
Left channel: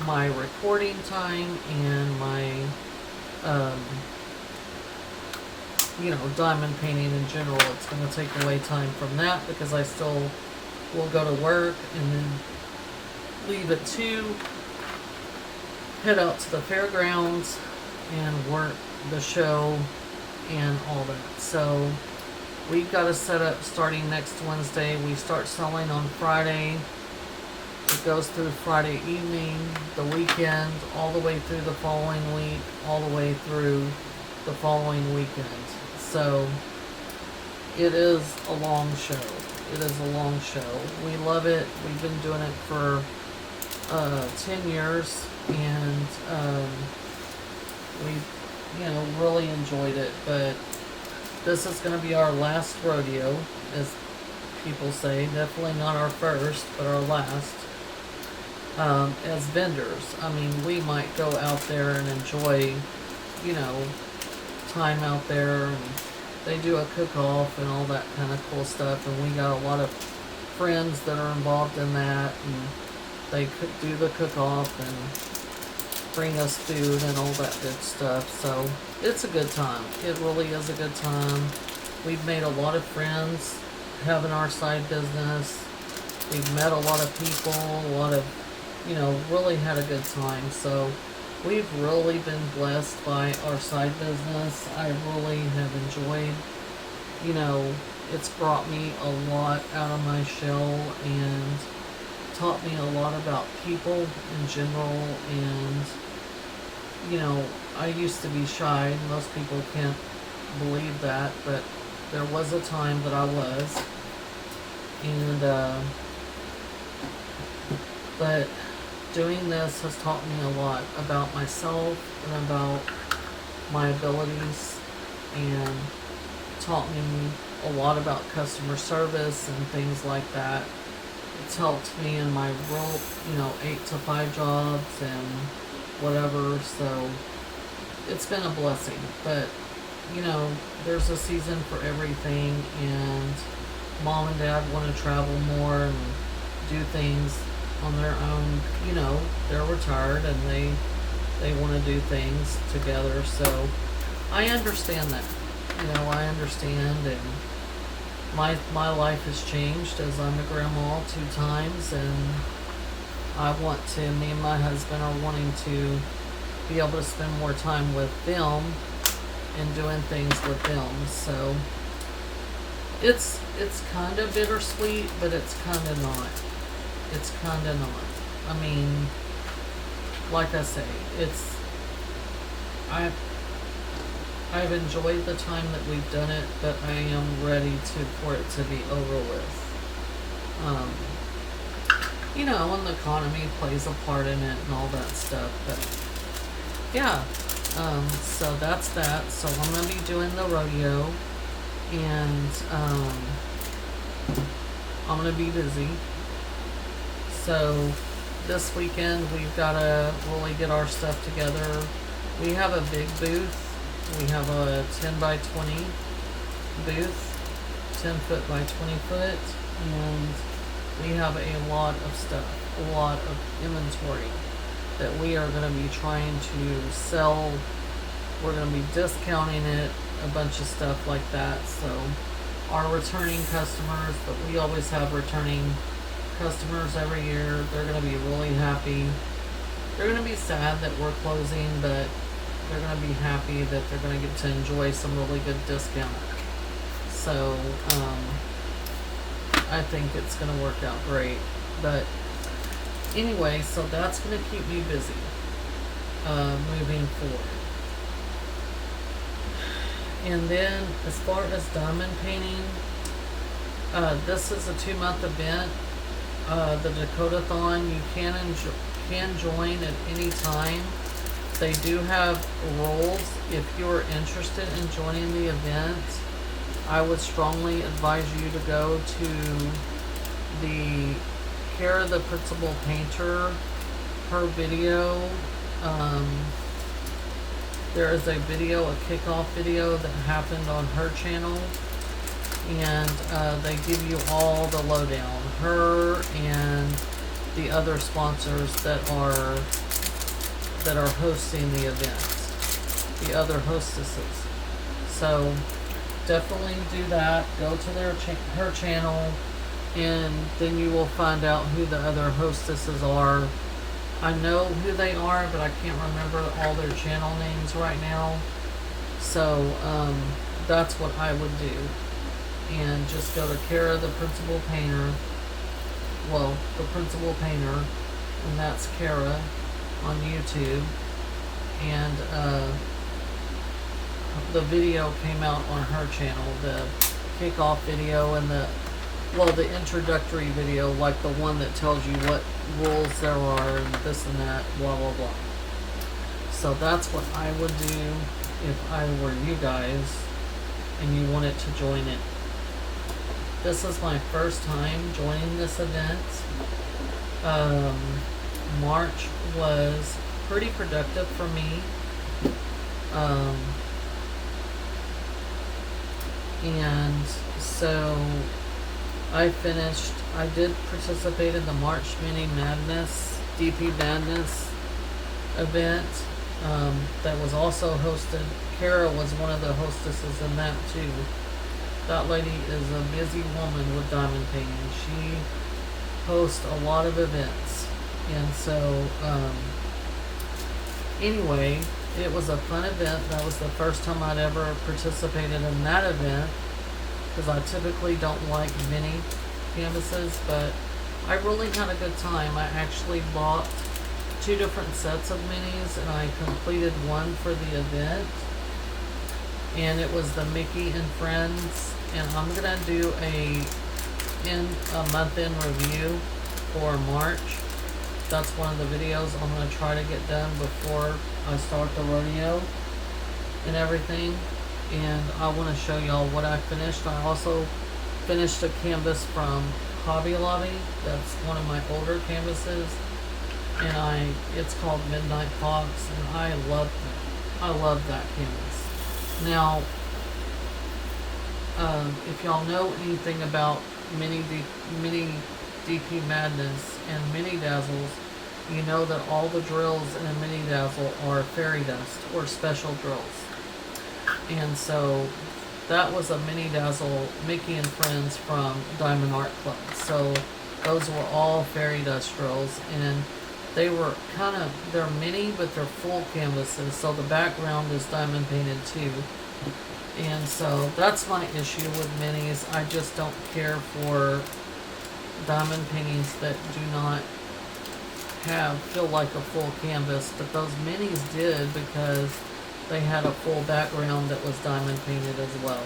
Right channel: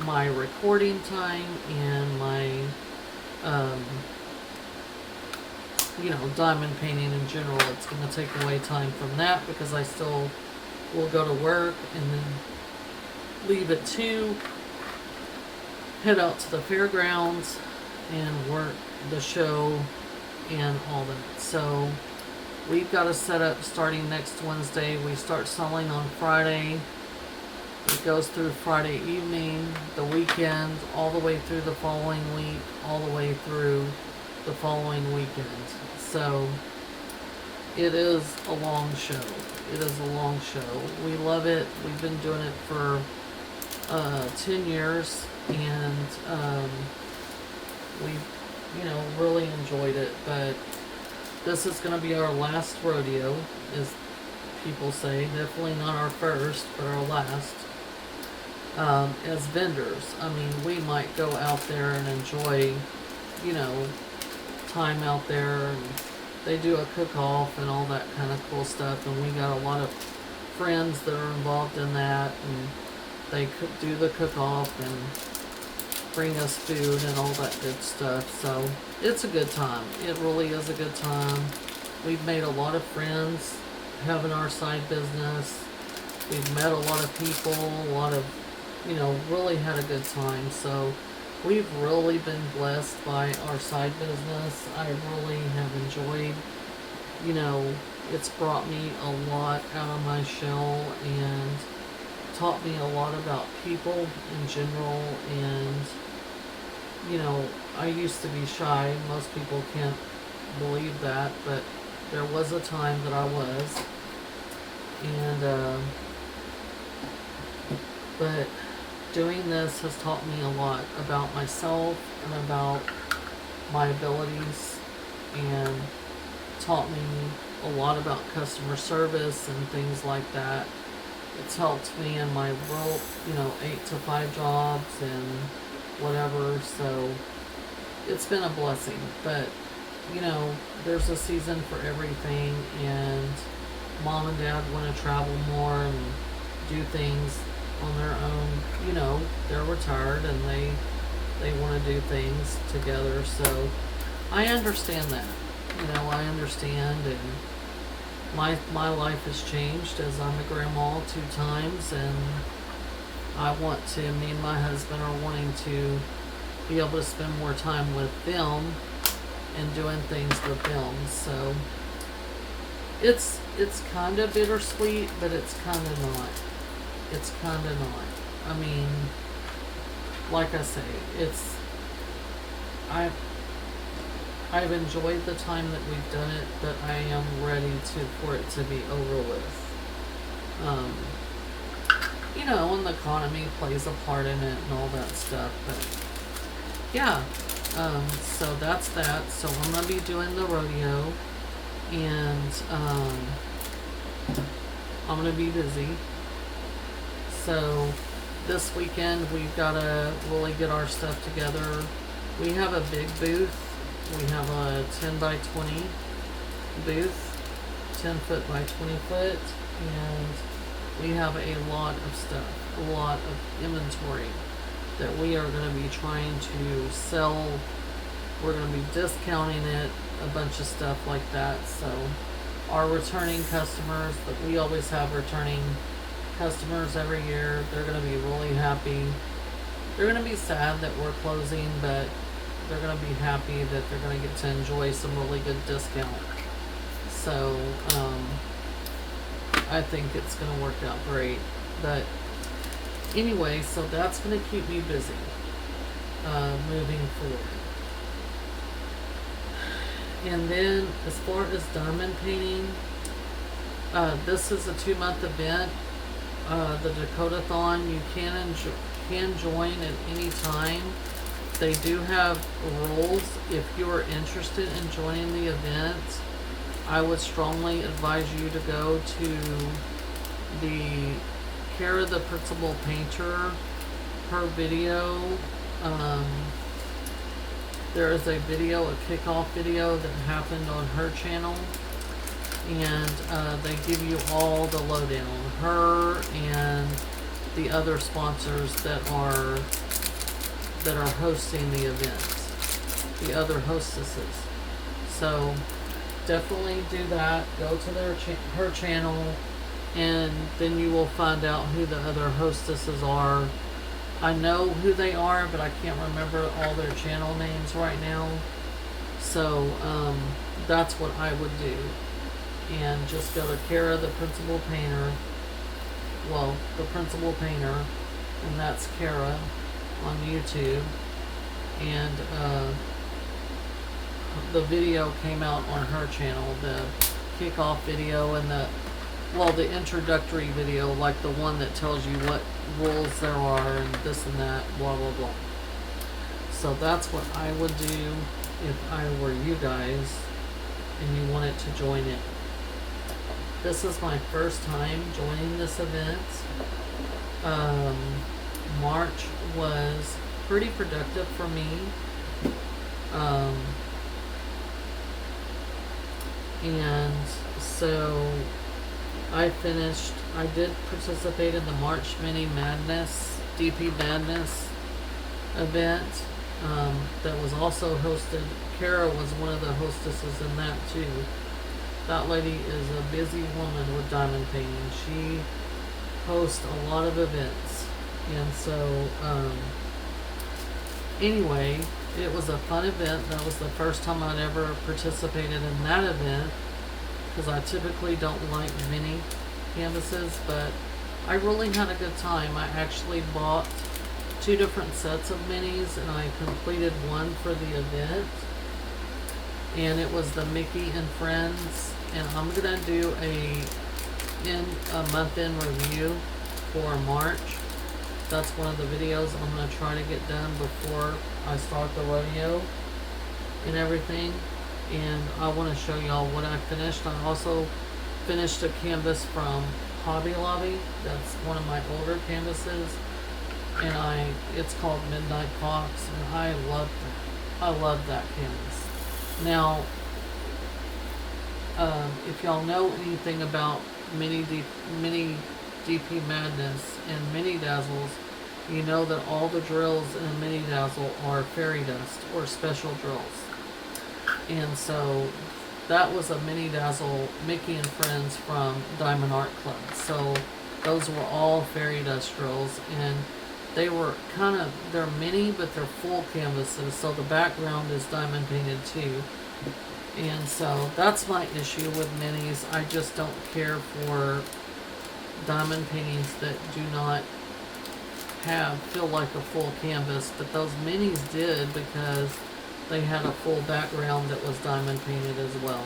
my recording time and my, diamond painting in general. It's going to take away time from that because I still will go to work and then leave at 2, head out to the fairgrounds and work the show and all that. So we've got a setup starting next Wednesday. We start selling on Friday. It goes through Friday evening, the weekend, all the way through the following week, all the way through the following weekend. So it is a long show. It is a long show. We love it. We've been doing it for 10 years, and we, really enjoyed it. But this is going to be our last rodeo, as people say. Definitely not our first, but our last. As vendors, I mean, we might go out there and enjoy, time out there, and they do a cook-off and all that kind of cool stuff, and we got a lot of friends that are involved in that, and they could do the cook-off and bring us food and all that good stuff. So it's a good time. It really is a good time. We've made a lot of friends having our side business. We've met a lot of people, a lot of, really had a good time. So we've really been blessed by our side business. I really have enjoyed, it's brought me a lot out of my shell and taught me a lot about people in general. And, I used to be shy. Most people can't believe that, but there was a time that I was. And, but doing this has taught me a lot about myself and about my abilities, and taught me a lot about customer service and things like that. It's helped me in my real, 8 to 5 jobs and whatever, so it's been a blessing. But, there's a season for everything, and Mom and Dad want to travel more and do things on their own. They're retired and they want to do things together, so I understand that. I understand, and my life has changed as I'm a grandma 2 times, and me and my husband are wanting to be able to spend more time with them and doing things with them. So it's kind of bittersweet, but it's kind of not. It's kind of not. I mean, like I say, I've enjoyed the time that we've done it, but I am ready for it to be over with. And the economy plays a part in it and all that stuff, but yeah. So that's that. So I'm gonna be doing the rodeo, and I'm gonna be busy. So this weekend we've got to really get our stuff together. We have a big booth. We have a 10 by 20 booth, 10 foot by 20 foot, and we have a lot of stuff, a lot of inventory that we are going to be trying to sell. We're going to be discounting it, a bunch of stuff like that. So our returning customers, but we always have returning customers every year. They're going to be really happy. They're going to be sad that we're closing, but they're going to be happy that they're going to get to enjoy some really good discount. So I think it's going to work out great. But anyway, so that's going to keep me busy moving forward. And then as far as diamond painting, this is a 2-month event. The Dakotathon, you can join at any time. They do have roles. If you're interested in joining the event, I would strongly advise you to go to the Care of the Principal Painter. Her video, there is a video, a kickoff video that happened on her channel. and they give you all the lowdown. Her and the other sponsors that are hosting the event, the other hostesses. So definitely do that. Go to her channel, and then you will find out who the other hostesses are. I know who they are, but I can't remember all their channel names right now. So that's what I would do. And just go to Kara, the principal painter. Well, the principal painter, and that's Kara on YouTube. And the video came out on her channel, the kickoff video and the introductory video, like the one that tells you what rules there are and this and that, blah blah blah. So that's what I would do if I were you guys and you wanted to join it. This is my first time joining this event. March was pretty productive for me. And so I did participate in the March Mini Madness, DP Madness event that was also hosted. Kara was one of the hostesses in that too. That lady is a busy woman with diamond painting. She hosts a lot of events. And so, anyway, it was a fun event. That was the first time I'd ever participated in that event, because I typically don't like mini canvases, but I really had a good time. I actually bought 2 different sets of minis, and I completed one for the event, and it was the Mickey and Friends. And I'm gonna do a month-end review for March. That's one of the videos I'm gonna try to get done before I start the rodeo and everything. And I want to show y'all what I finished. I also finished a canvas from Hobby Lobby. That's one of my older canvases, and it's called Midnight Fox, and I love that canvas. Now, if y'all know anything about mini DP Madness and mini dazzles, you know that all the drills in a mini dazzle are fairy dust or special drills. And so that was a mini dazzle Mickey and Friends from Diamond Art Club. So those were all fairy dust drills, and they were they're mini, but they're full canvases, so the background is diamond painted too. And so that's my issue with minis. I just don't care for diamond paintings that do not feel like a full canvas, but those minis did, because they had a full background that was diamond painted as well.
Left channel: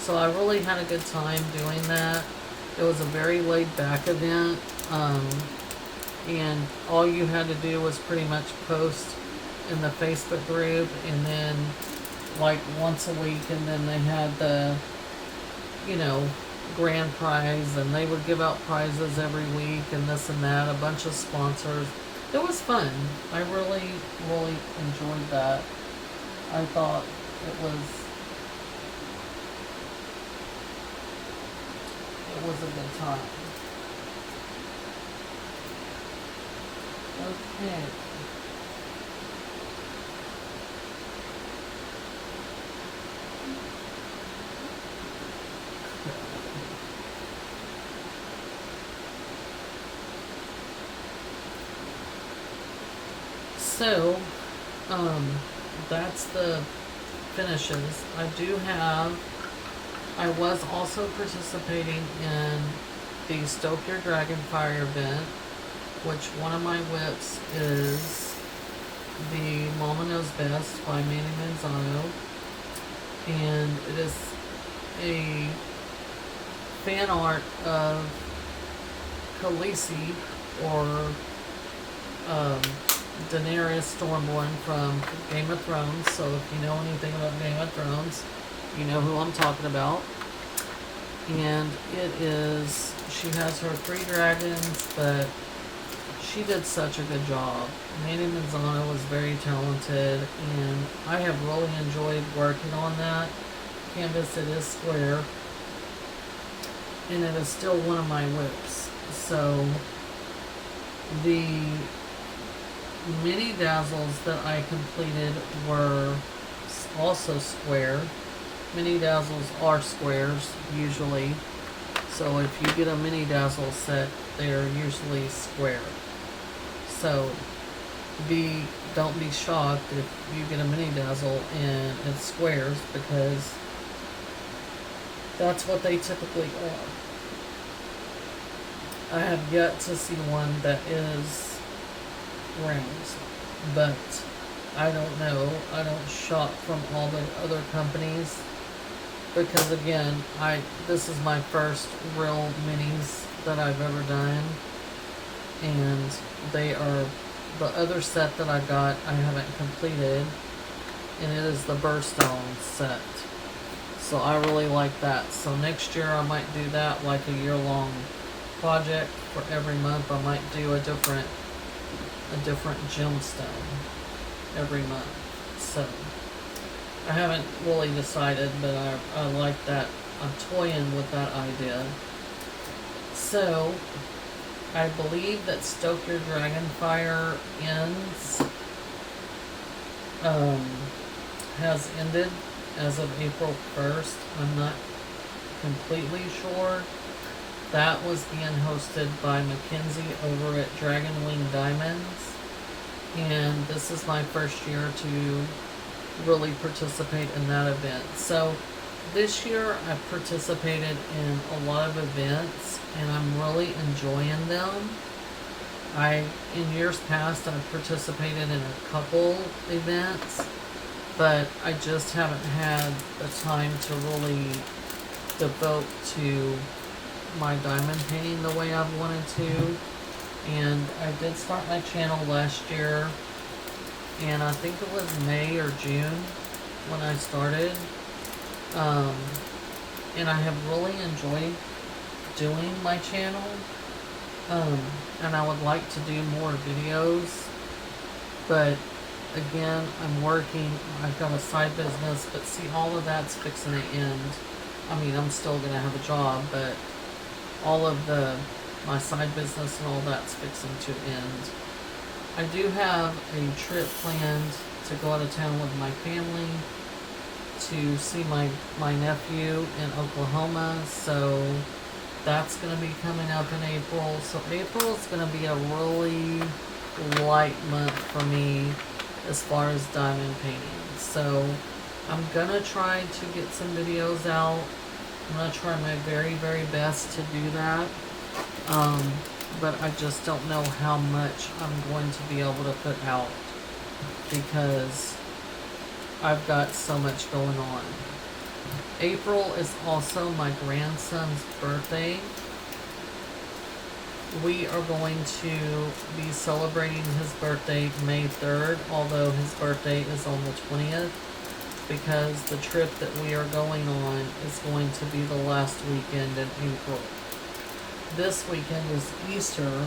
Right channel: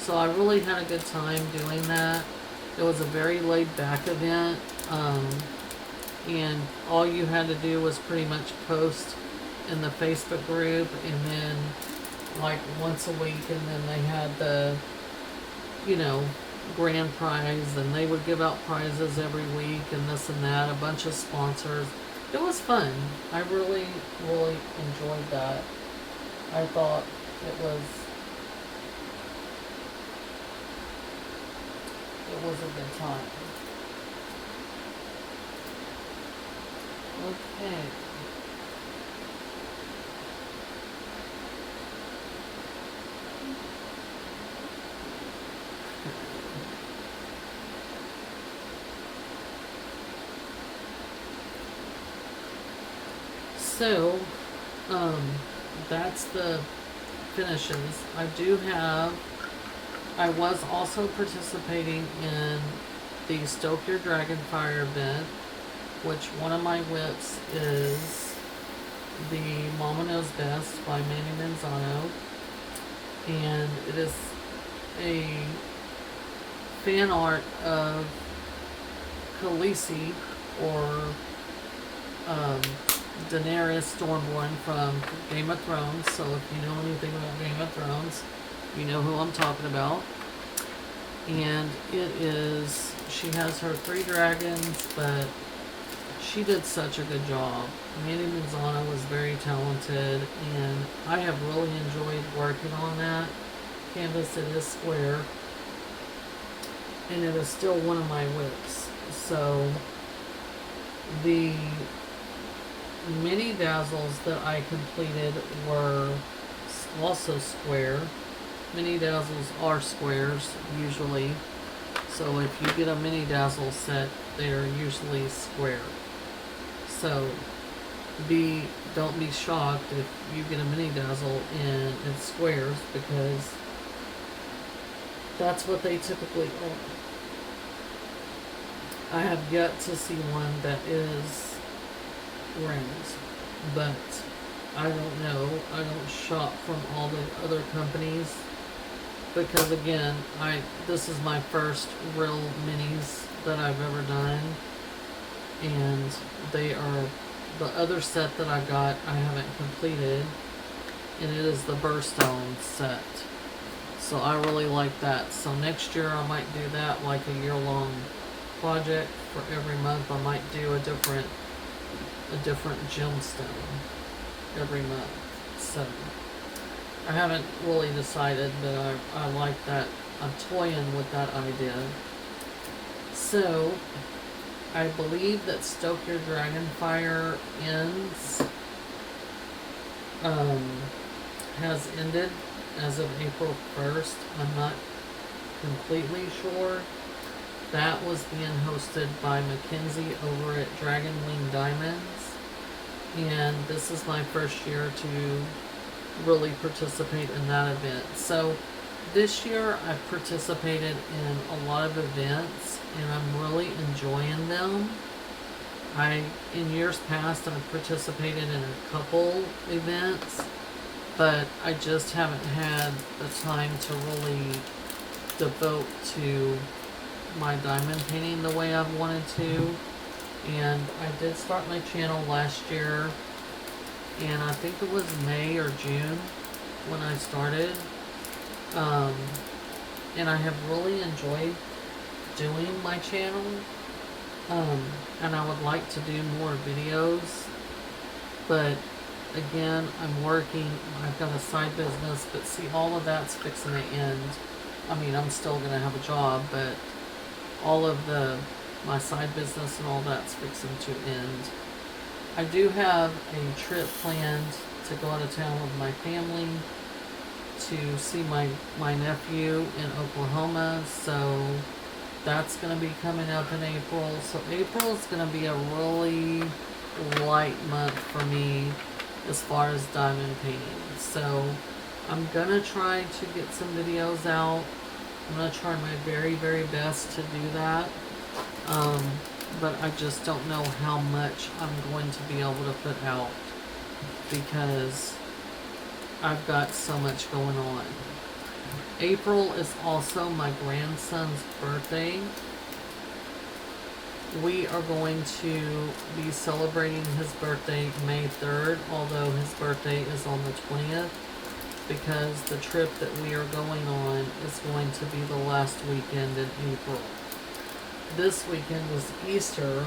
So I really had a good time doing that. It was a very laid back event, and all you had to do was pretty much post in the Facebook group, and then like once a week, and then they had the grand prize, and they would give out prizes every week and this and that, a bunch of sponsors. It was fun. I really enjoyed that. I thought it was a good time. Okay. So, that's the finishes. I was also participating in the Stoke Your Dragonfire event, which one of my whips is the Mama Knows Best by Manny Manzano, and it is a fan art of Khaleesi, or Daenerys Stormborn from Game of Thrones. So if you know anything about Game of Thrones, you know who I'm talking about. And she has her 3 dragons, but she did such a good job. Manny Manzano was very talented, and I have really enjoyed working on that canvas. It is square, and it is still one of my whips. So the mini dazzles that I completed were also square. Mini dazzles are squares usually, so if you get a mini dazzle set, they are usually square. So don't be shocked if you get a mini dazzle and it's squares, because that's what they typically are. I have yet to see one that is rings, but I don't know. I don't shop from all the other companies, because again, this is my first real minis that I've ever done, and they are the other set that I got. I haven't completed, and it is the burst on set. So I really like that. So next year I might do that like a year-long project. For every month I might do a different gemstone every month. So I haven't really decided, but I like that. I'm toying with that idea. So I believe that Stoke Your Dragon Fire has ended as of April 1st. I'm not completely sure. That was being hosted by Mackenzie over at Dragon Wing Diamonds. And this is my first year to really participate in that event. So this year I've participated in a lot of events, and I'm really enjoying them. In years past, I've participated in a couple events, but I just haven't had the time to really devote to my diamond painting the way I've wanted to. And I did start my channel last year, and I think it was May or June when I started. And I have really enjoyed doing my channel. And I would like to do more videos, but again, I'm working. I've got a side business, but see, all of that's fixing to end. I mean, I'm still gonna have a job, but all of my side business and all that's fixing to end. I do have a trip planned to go out of town with my family to see my nephew in Oklahoma, so that's going to be coming up in April. So April is going to be a really light month for me as far as diamond painting. So I'm going to try to get some videos out. I'm going to try my very, very best to do that. But I just don't know how much I'm going to be able to put out, because I've got so much going on. April is also my grandson's birthday. We are going to be celebrating his birthday May 3rd, although his birthday is on the 20th, because the trip that we are going on is going to be the last weekend in April. This weekend is Easter,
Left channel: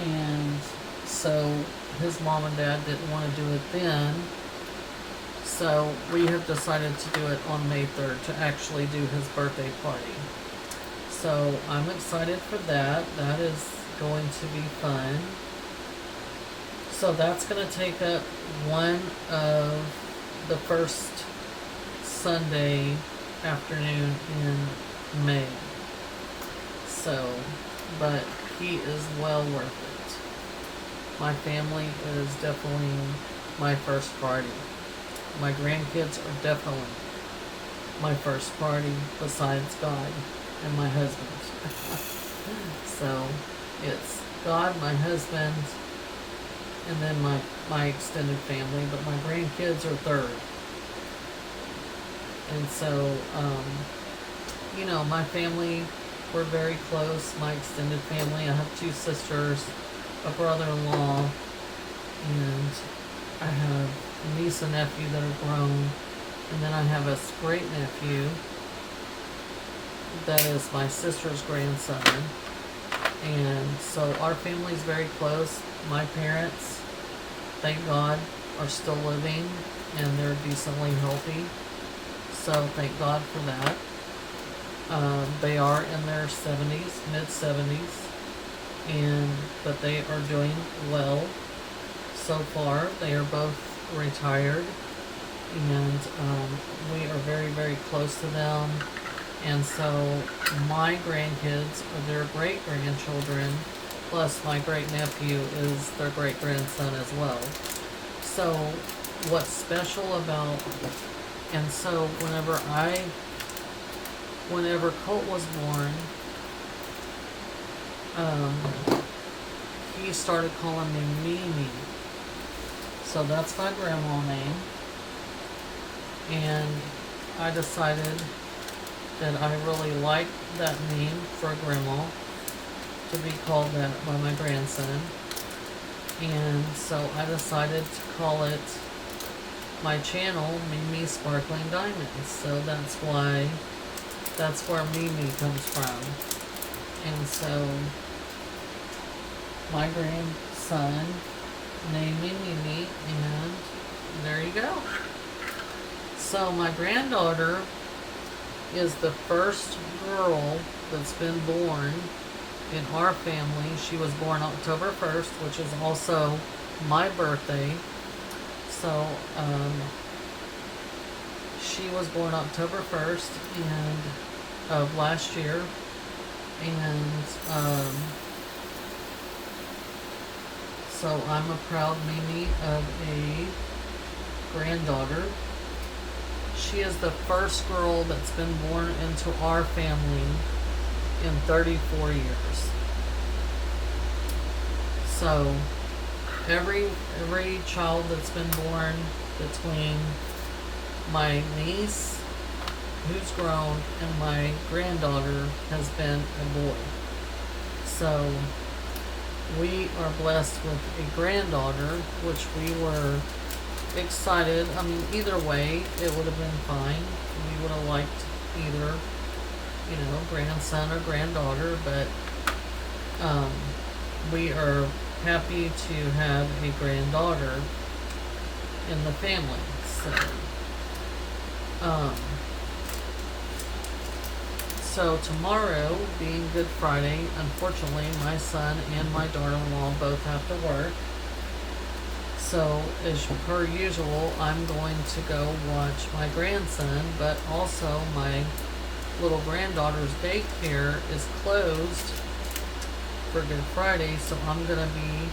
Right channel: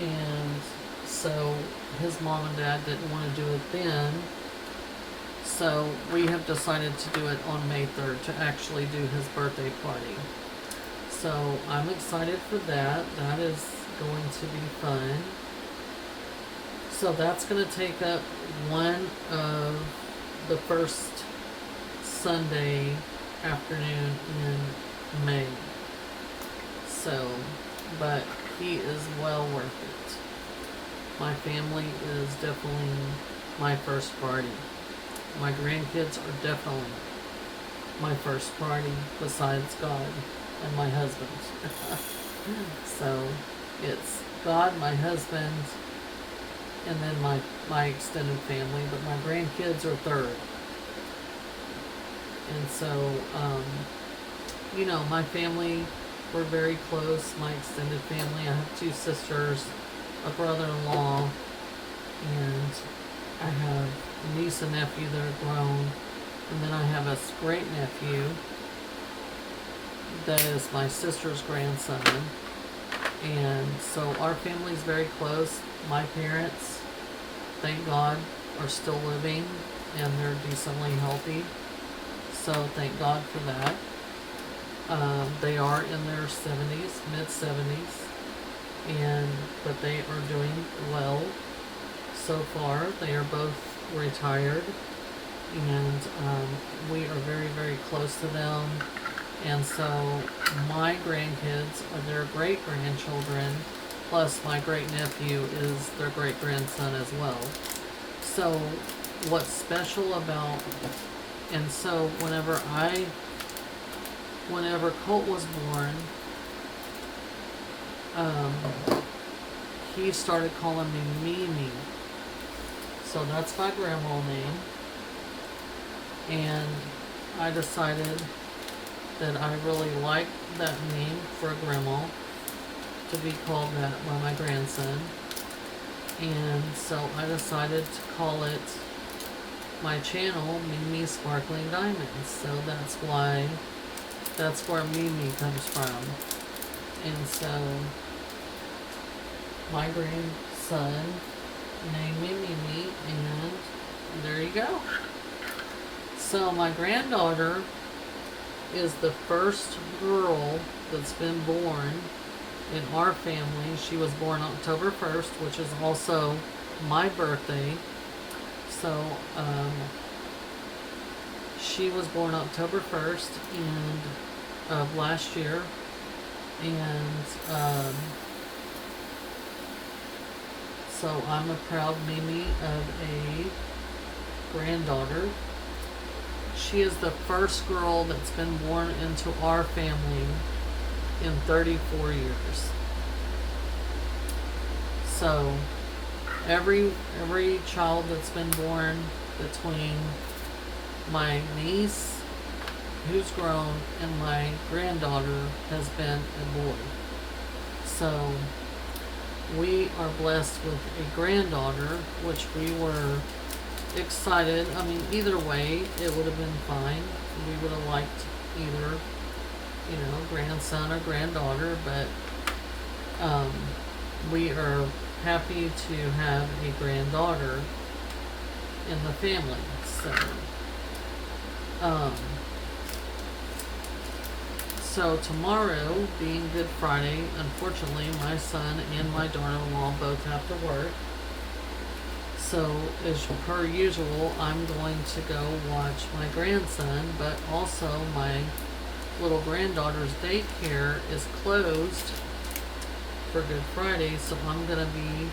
and so his mom and dad didn't want to do it then. So we have decided to do it on May 3rd to actually do his birthday party. So I'm excited for that. That is going to be fun. So that's going to take up one of the first Sunday afternoon in May. So, but he is well worth it. My family is definitely my first party. My grandkids are definitely my first party besides God and my husband. So it's God, my husband, and then my extended family, but my grandkids are third. And so, my family, we're very close, my extended family. I have 2 sisters, a brother-in-law, and I have a niece and nephew that are grown, and then I have a great nephew that is my sister's grandson. And so our family is very close. My parents, thank God, are still living, and they're decently healthy, so thank God for that. They are in their 70s, mid 70s, but they are doing well so far. They are both retired, and we are very, very close to them. And so my grandkids are their great grandchildren, plus my great nephew is their great grandson as well. So what's special about, and so whenever Colt was born, he started calling me Mimi. So that's my grandma name. And I decided that I really liked that name for a grandma, to be called that by my grandson. And so I decided to call it, my channel, Mimi Sparkling Diamonds. So that's where Mimi comes from. And so my grandson named me Mimi, and there you go. So my granddaughter is the first girl that's been born in our family. She was born October 1st, which is also my birthday. So she was born October 1st of last year. And so I'm a proud Mimi of a granddaughter. She is the first girl that's been born into our family in 34 years. So every child that's been born between my niece, who's grown, and my granddaughter has been a boy. So we are blessed with a granddaughter, which we were excited. I mean, either way, it would have been fine. We would have liked either, grandson or granddaughter, but we are happy to have a granddaughter in the family. So tomorrow, being Good Friday, unfortunately, my son and my daughter-in-law both have to work. So, as per usual, I'm going to go watch my grandson, but also my little granddaughter's daycare is closed for Good Friday, so I'm going to be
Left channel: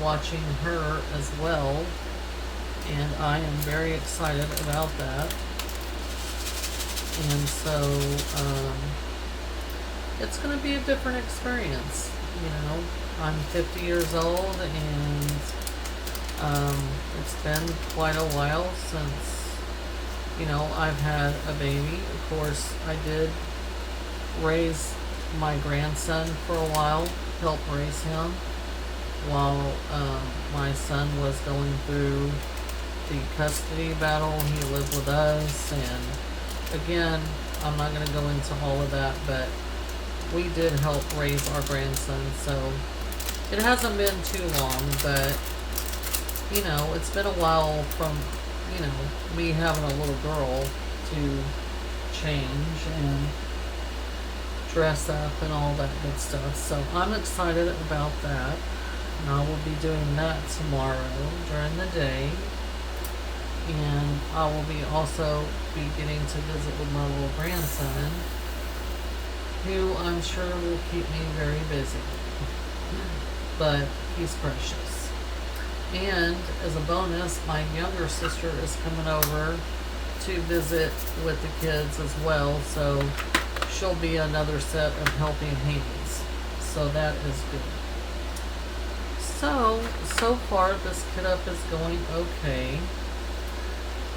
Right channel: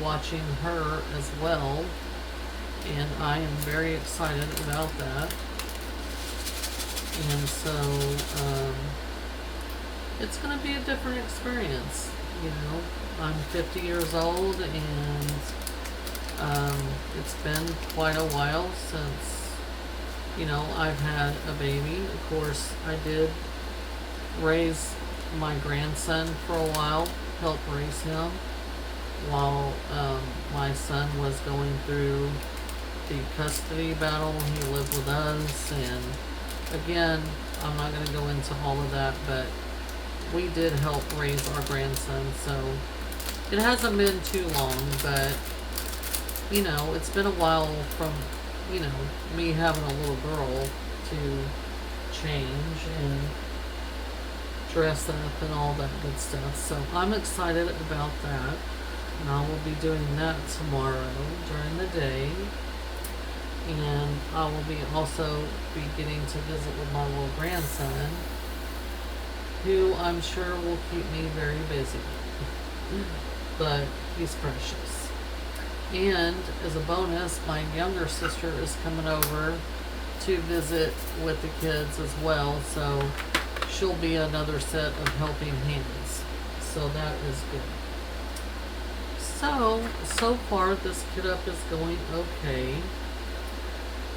watching her as well, and I am very excited about that. And so, it's going to be a different experience. I'm 50 years old, and it's been quite a while since, I've had a baby. Of course, I did raise my grandson for a while, help raise him, while my son was going through the custody battle. He lived with us, and again, I'm not going to go into all of that, but we did help raise our grandson, so it hasn't been too long, but it's been a while from, me having a little girl to change and dress up and all that good stuff. So I'm excited about that. And I will be doing that tomorrow during the day. And I will also be getting to visit with my little grandson, who I'm sure will keep me very busy. But he's precious. And as a bonus, my younger sister is coming over to visit with the kids as well, so she'll be another set of helping hands. So that is good. So far this kit up is going okay.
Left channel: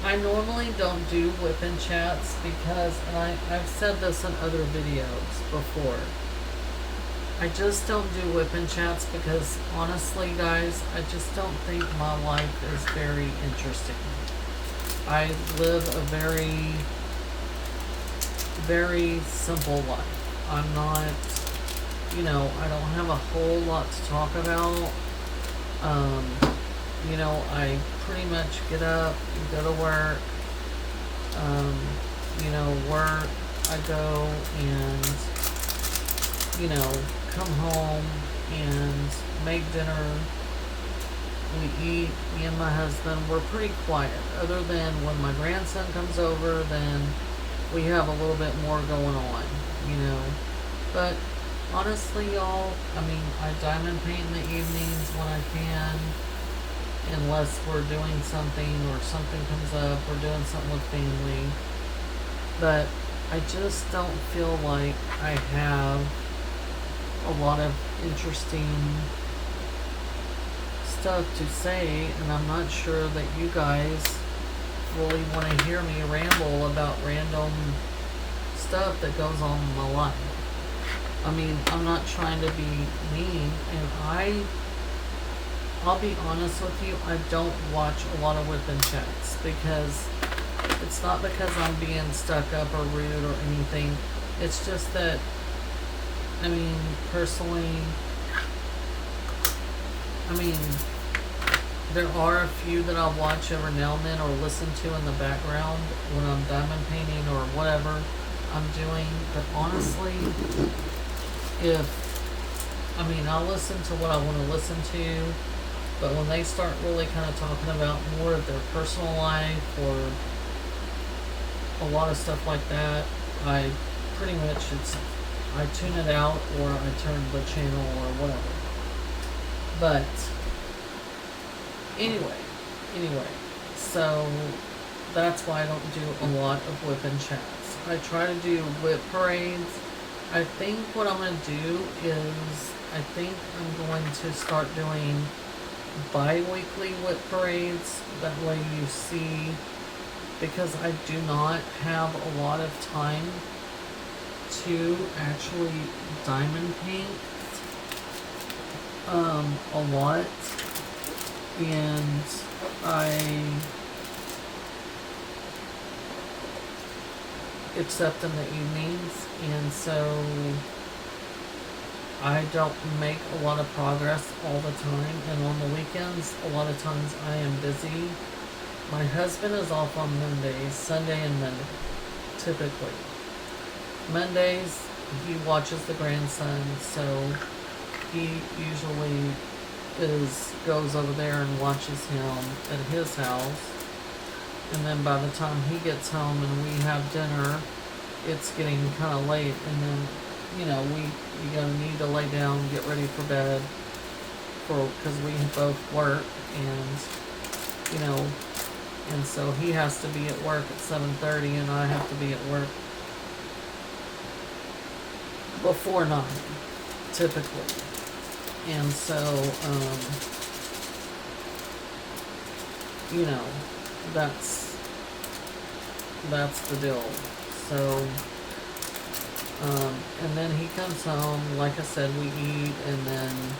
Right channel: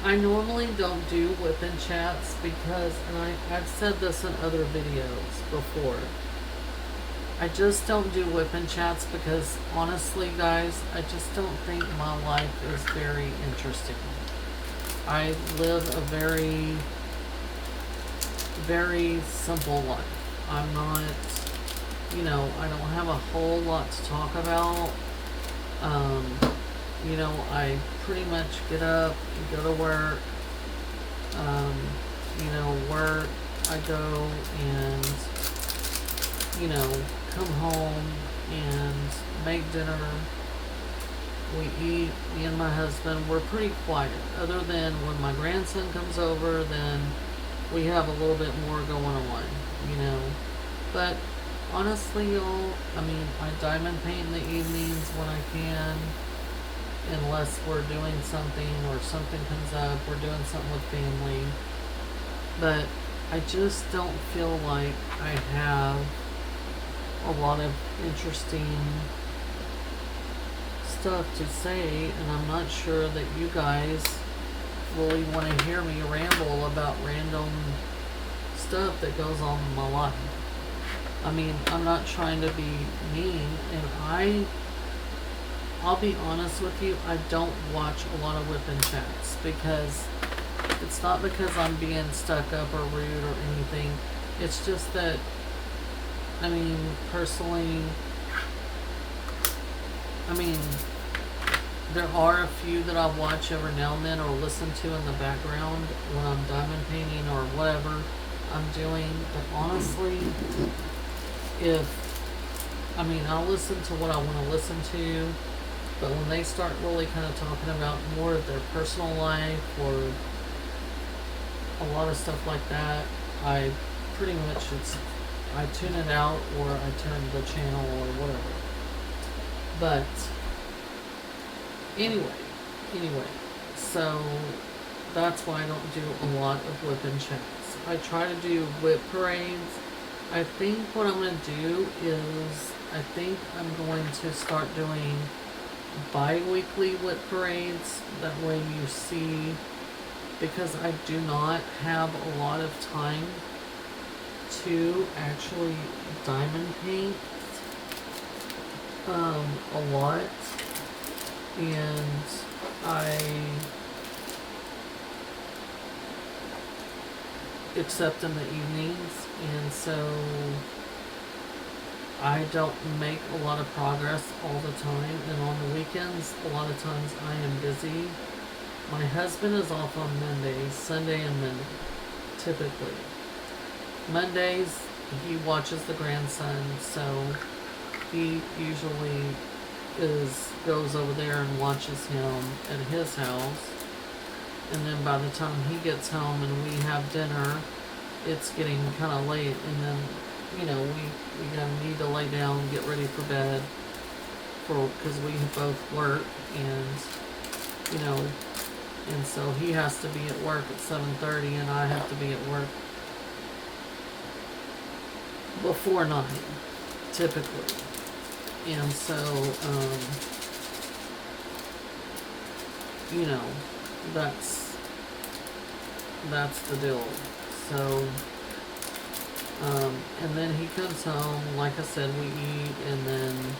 I normally don't do whip-in chats because, and I've said this in other videos before, I just don't do whip-in chats because, honestly, guys, I just don't think my life is very interesting. I live a very, very simple life. I'm not, I don't have a whole lot to talk about. I pretty much get up, go to work, work, I go and, come home and make dinner. We eat, me and my husband, we're pretty quiet. Other than when my grandson comes over, then we have a little bit more going on, you know. But honestly, y'all, I diamond paint in the evenings when I can, unless we're doing something or something comes up, we're doing something with family. But I just don't feel like I have a lot of interesting stuff to say, and I'm not sure that you guys really want to hear me ramble about random stuff that goes on in my life. I'm not trying to be mean, and I'll be honest with you, I don't watch a lot of whipping chats because it's not because I'm being stuck up or rude or anything. It's just that, personally, there are a few that I'll watch every now and then or listen to in the background when I'm diamond painting or whatever I'm doing. But honestly, I'll listen to what I want to listen to. But when they start really kind of talking about more of their personal life or a lot of stuff like that, I pretty much I tune it out or I turn the channel or whatever. But anyway, so that's why I don't do a lot of whipping chats. I try to do whip parades. I think what I'm going to do is I'm going to start doing bi-weekly whip parades. That way you see, because I do not have a lot of time to actually diamond paint a lot, and except in the evenings, and so I don't make a lot of progress all the time, and on the weekends a lot of times I am busy. My husband is off on Mondays, Sunday and Monday, typically. Mondays he watches the grandson, so he usually goes over there and watches him at his house. And then by the time he gets home and we have dinner, it's getting kind of late, and then we gonna need to lay down and get ready for bed because we both work, and and so he has to be at work at 7:30 and I have to be at work before 9 typically. And so that's the deal. So and then he comes home, like I said, we eat, and then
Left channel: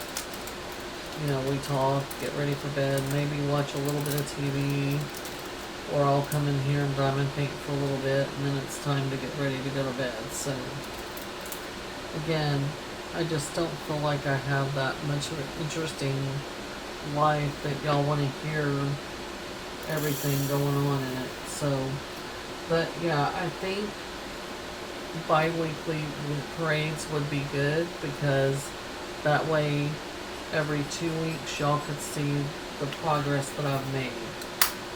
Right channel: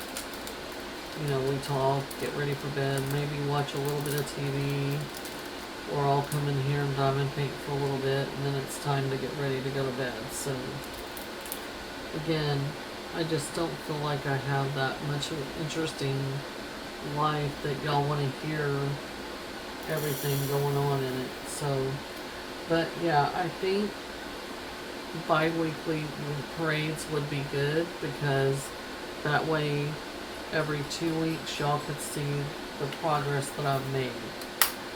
we talk, get ready for bed, maybe watch a little bit of TV, or I'll come in here and diamond paint for a little bit, and then it's time to get ready to go to bed. So again, I just don't feel like I have that much of an interesting life that y'all want to hear everything going on in it. So, but yeah, I think bi-weekly parades would be good, because that way every 2 weeks y'all could see the progress that I've made.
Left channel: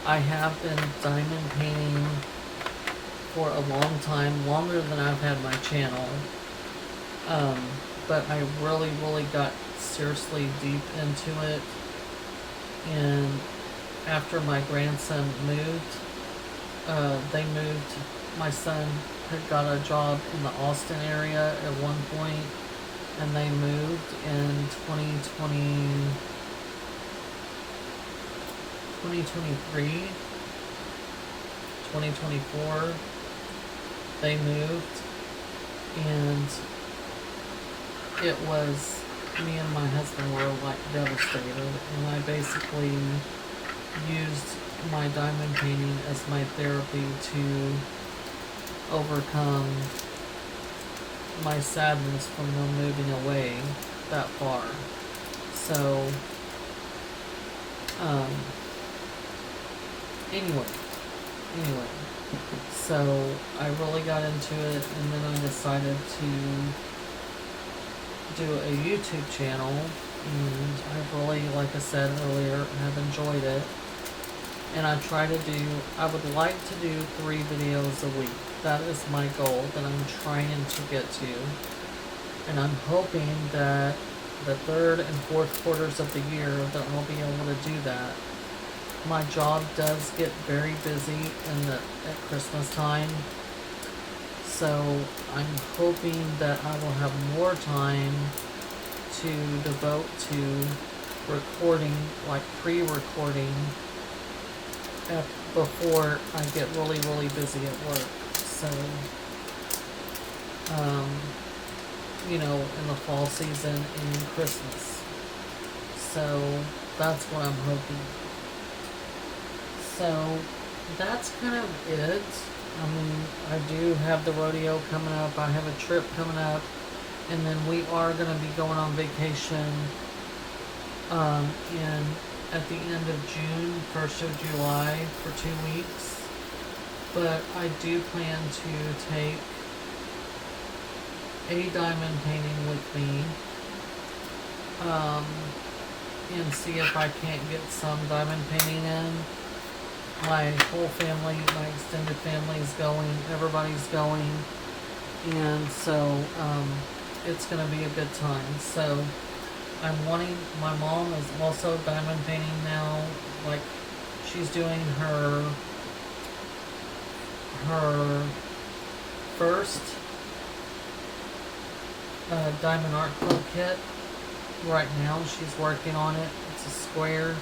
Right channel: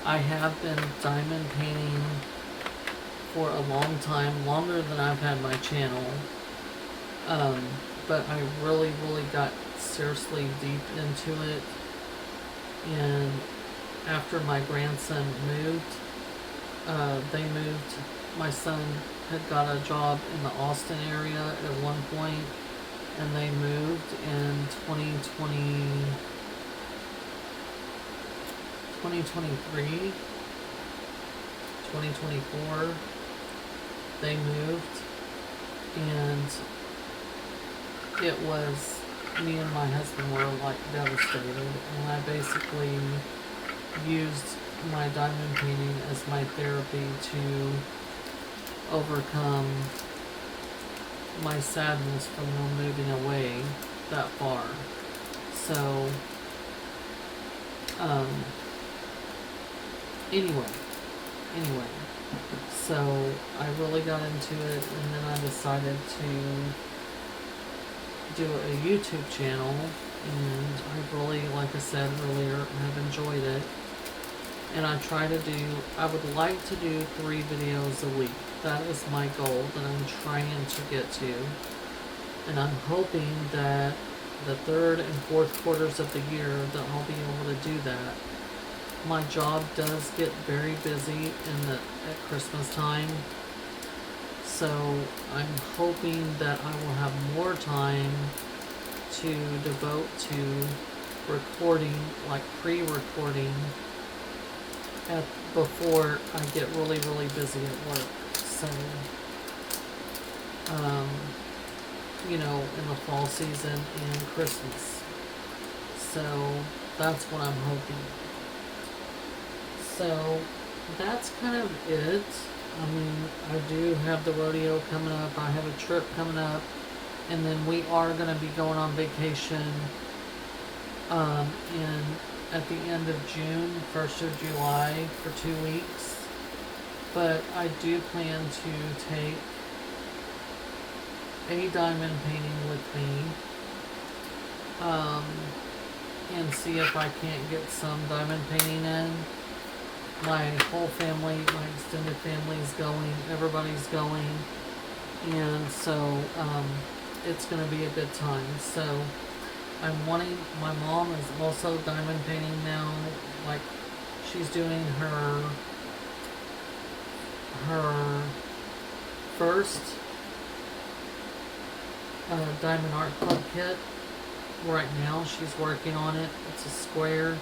I have been diamond painting for a long time, longer than I've had my channel. But I really got seriously deep into it. And after my grandson moved, my son had got a job in the Austin area at one point, and they moved in 2024, they moved, and it was, me and my husband were like devastated, and I basically used my diamond painting as my therapy to overcome my sadness from them moving away that far. So, anyway, So I really got into it, and then I decided to do a YouTube channel, and I really, like I said earlier, have enjoyed it. And I would like to do 3 videos a week. That is my goal that I'm trying to get to. And I'm hoping that the third and fourth quarters of the year that I'll be able to do that. My job does get very busy at Christmas time. So I'm hoping that I will have more time to devote to recording, like pre-recording, before I get really, really busy at work. So, in the fall season and Christmas. So that's what I'm hoping. So that's kind of it. I mean, I do have the rodeo coming up. I have a trip coming up. And then we are going to be going on vacation at the end of June, 1st of July for 2 weeks. But I do plan to take a diamond painting with me and see if I can't get some diamond painting in. My whole family, my extended family is going, everybody's going, and so it's going to be a good time. So my mom is also diamond painting now, like she's doing her first Diamond Art Club kit. Right now she's working on it. It's a square.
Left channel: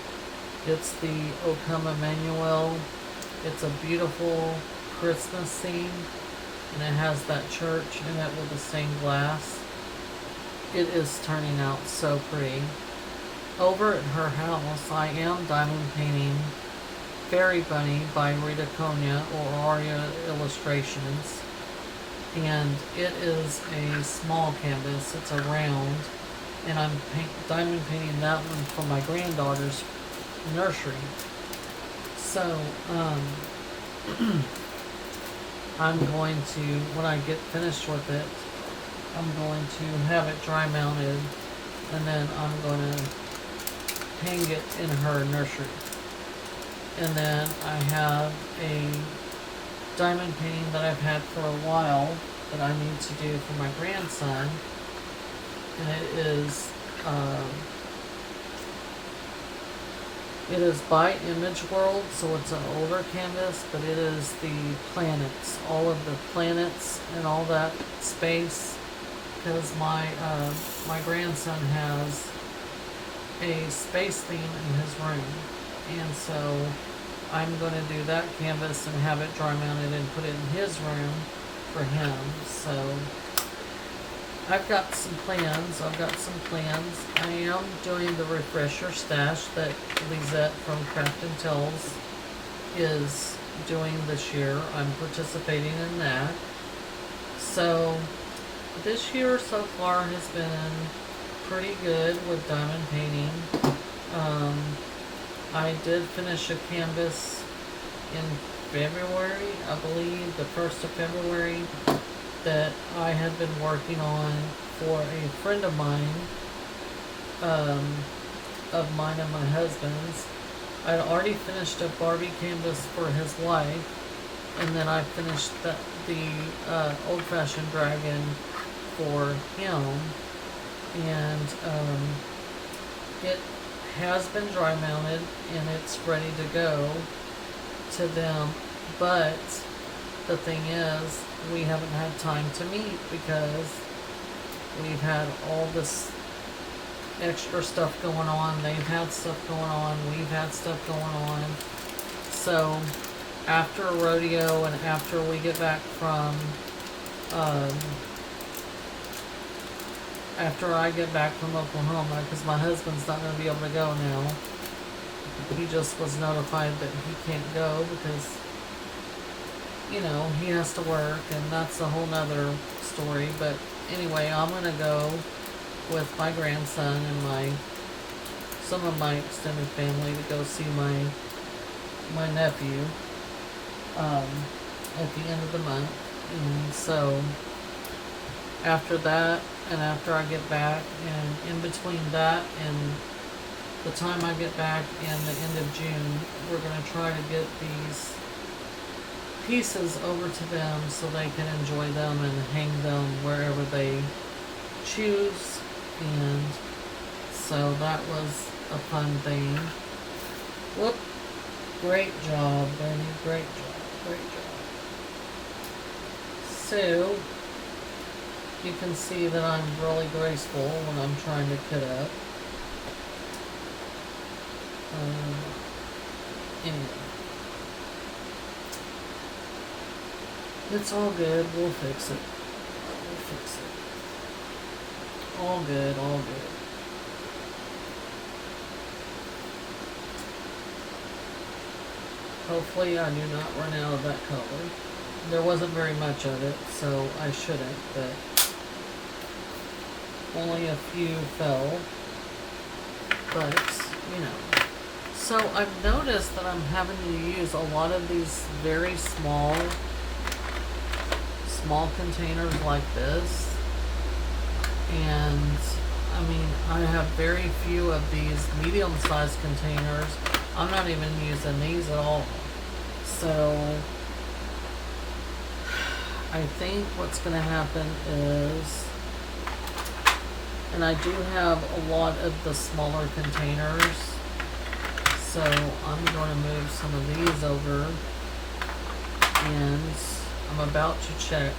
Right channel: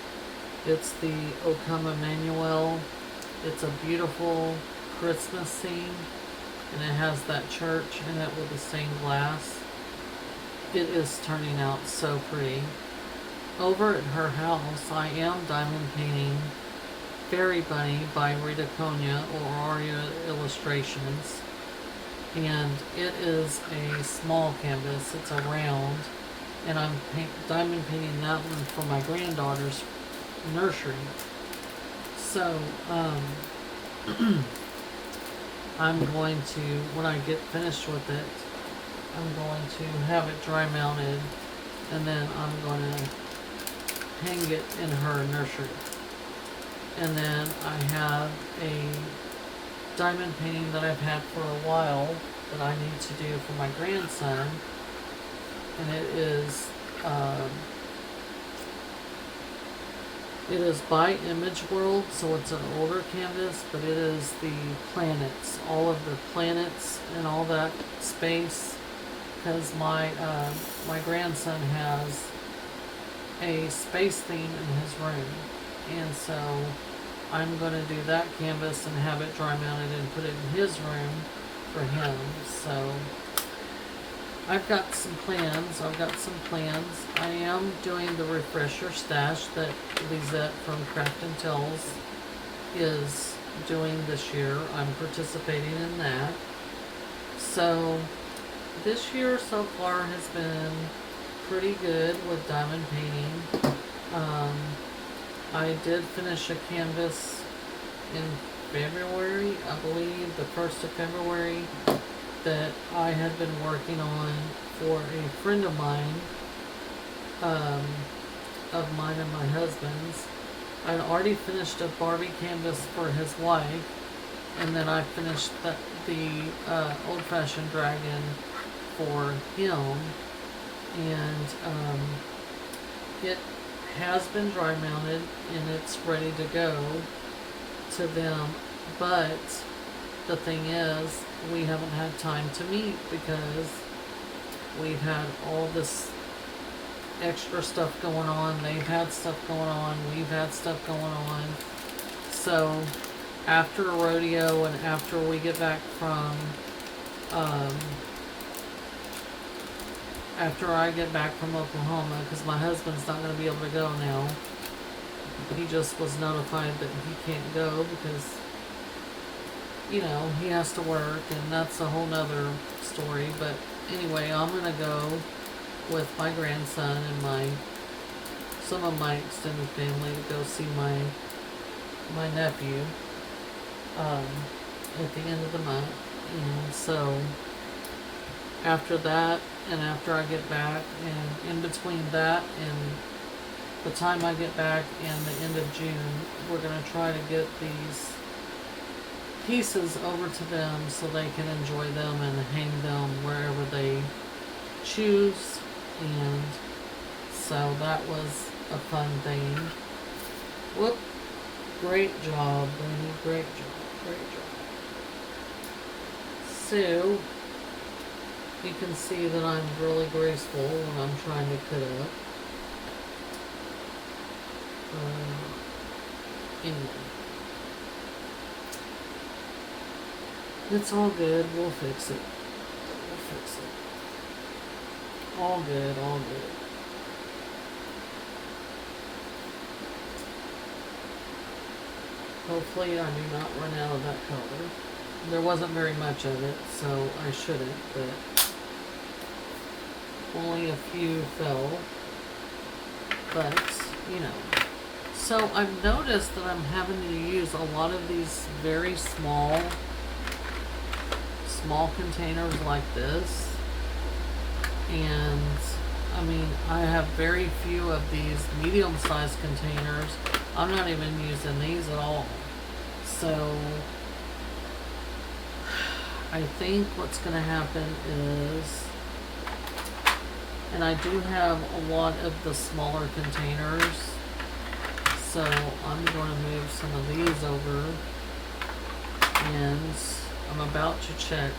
It's the O Come Emmanuel. It's a beautiful Christmas scene, and it has that church in it with the stained glass. It is turning out so pretty. Over at her house, I am diamond painting Fairy Bunny by Rita Konya or Aria Illustrations. And it is a small canvas. It's a round. And I'm diamond painting that one for my granddaughter's nursery. So, I'm going to, when I get finished with it, I'm going to have it dry mounted, and then I'm going to hang it in her nursery. And then I have a diamond painting that I've had for a while that I need to do for my grandson. And it is by Image World, so it's an older canvas, but it is the planets, all of the planets and all that space, because my grandson has a space theme in his room, and so I'm going to do that canvas and have it dry mounted and put it in his room for him. So I've got some plans. I am doing the refresher stash that Lisette from Craft and Tells is doing this year. I'm participating in that. So this year so far has been pretty good with diamond painting. I did finish a canvas in February, I believe, the 1st of February, that I had been working on for a friend of mine, and my husband's. I'd already finished a Barbie canvas for his wife, and then I finished the old-fashioned dragon for him, and it has been dry mounted and it's ready to go to them, but the thing is, we haven't had time to meet because we've had all this extra stuff going on. They've had stuff going on. We've had stuff going on. So after a rodeo and after we get back from, after I get back from Oklahoma, because my husband's not going to be able to go now. He just was notified that he can't go because, he has to work, and that's a whole nother story. But anyway, I'm going to go with my grandson and some of my extended family to go see my nephew. at the end of the month. And so after that, and after I get back, and in between that and the time I get back and the end of June, we're going to try to get these pieces over to them so they can enjoy them and hang them wherever they choose. And so that was a fun thing. Whoop. Great job, buddy. Great job. Great job. So, you can see that I'm really graceful when I'm trying to cut up. Anyway. It's all good. We'll fix it. We'll fix it. All good. All good. Hopefully I do not run out of that color. There wasn't very much of it, so I shouldn't, but only a few fell. But, you know. So I've noticed that I'm having to use a lot of these very small containers like this. And, I mean, I have very few of these medium-sized containers. I'm not even using these at all. So, I think what's going to happen is, and I do have a lot of the smaller containers, so I'm going to move some of these over, and I'm about to check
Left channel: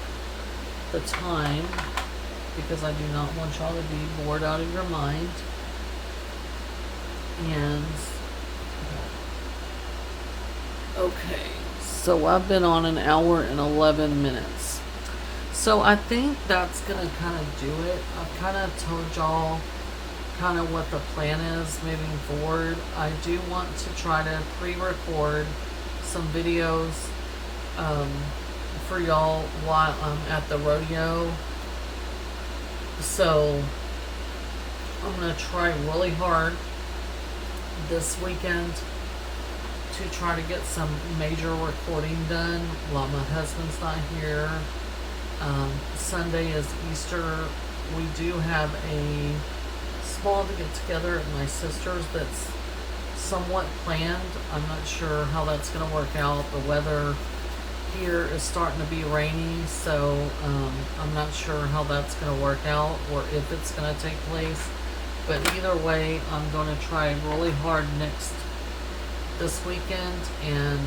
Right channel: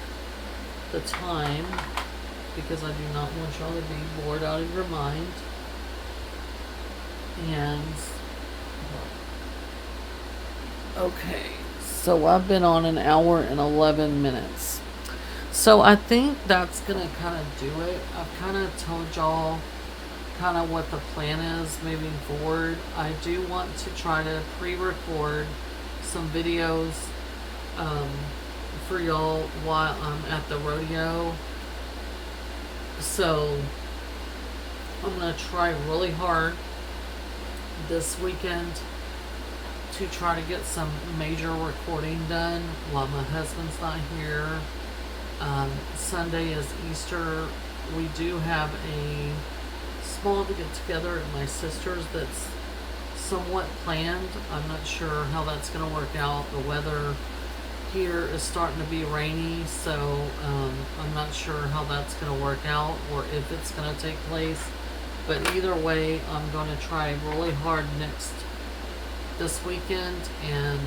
the time, because I do not want y'all to be bored out of your mind. And okay, so I've been on an hour and 11 minutes. So I think that's gonna kind of do it. I've kind of told y'all kind of what the plan is moving forward. I do want to try to pre-record some videos for y'all while I'm at the rodeo. So I'm going to try really hard this weekend to try to get some major recording done while my husband's not here. Sunday is Easter. We do have a small get together at my sister's that's somewhat planned. I'm not sure how that's going to work out. The weather here is starting to be rainy, so I'm not sure how that's going to work out or if it's going to take place. But either way, I'm going to try really hard this weekend and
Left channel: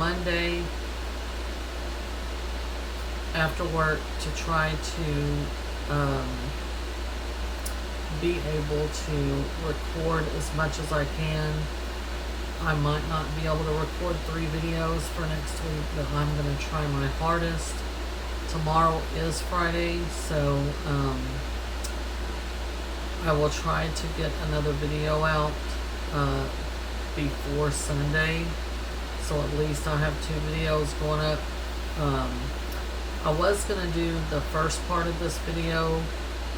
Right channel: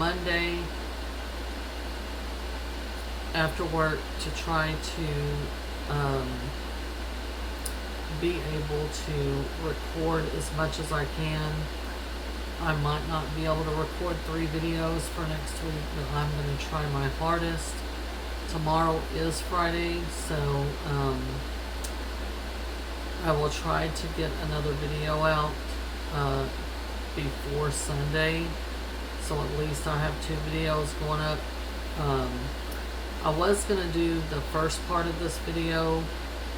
Monday after work to try to be able to record as much as I can. I might not be able to record 3 videos for next week, but I'm going to try my hardest. Tomorrow is Friday, so I will try to get another video out before Sunday, so at least I'll have 2 videos going up. I was going to do the first part of this video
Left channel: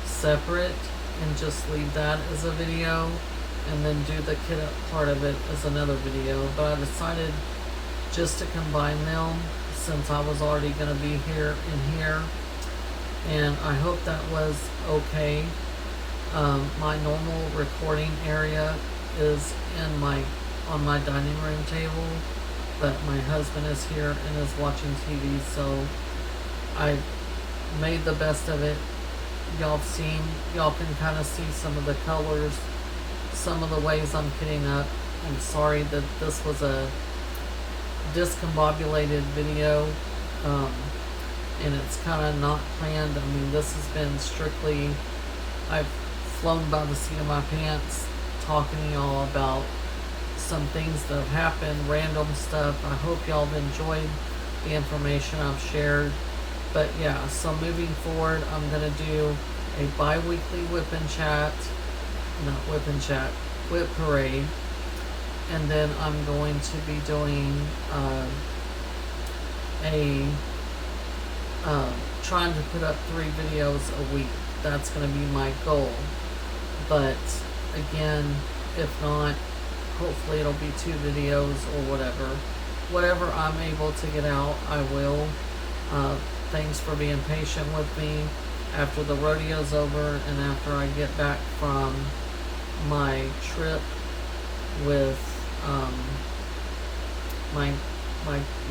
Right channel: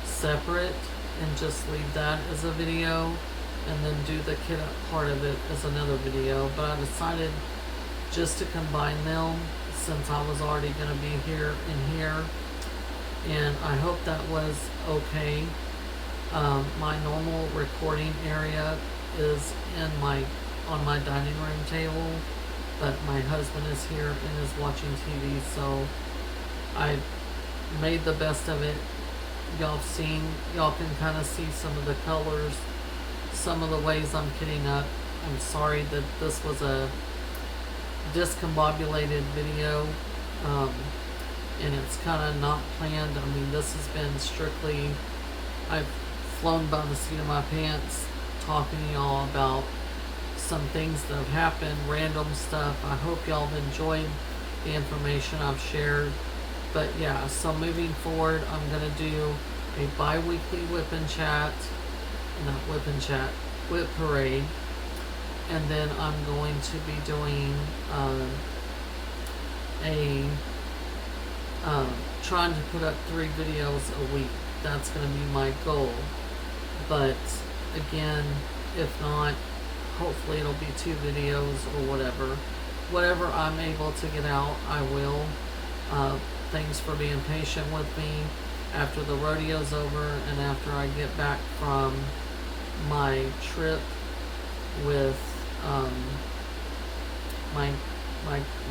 separate and just leave that as a video, and then do the kit up part of it as another video, but I decided just to combine them since I was already going to be here and here, and I hope that was okay. My normal recording area is on my dining room table, but my husband is here and is watching TV, so I made the best of it. Y'all can kind of see some of the colors, some of the ways I'm kitting up. I'm sorry that this was a discombobulated video, and it's kind of not planned. I mean, this has been strictly, I've flown by the seat of my pants talking to y'all about some things that have happened, random stuff. I hope y'all have enjoyed the information I've shared. But yeah, so moving forward, I'm going to do a bi-weekly whip and chat, not whip and chat, whip parade. And then I'm going to be doing trying to put up 3 videos a week. That's going to be my goal. But again, if not, hopefully it'll be 2 videos or whatever. whatever I'm able to get out, I will. Thanks for being patient with me. After the rodeo's over and after I get back from my trip with my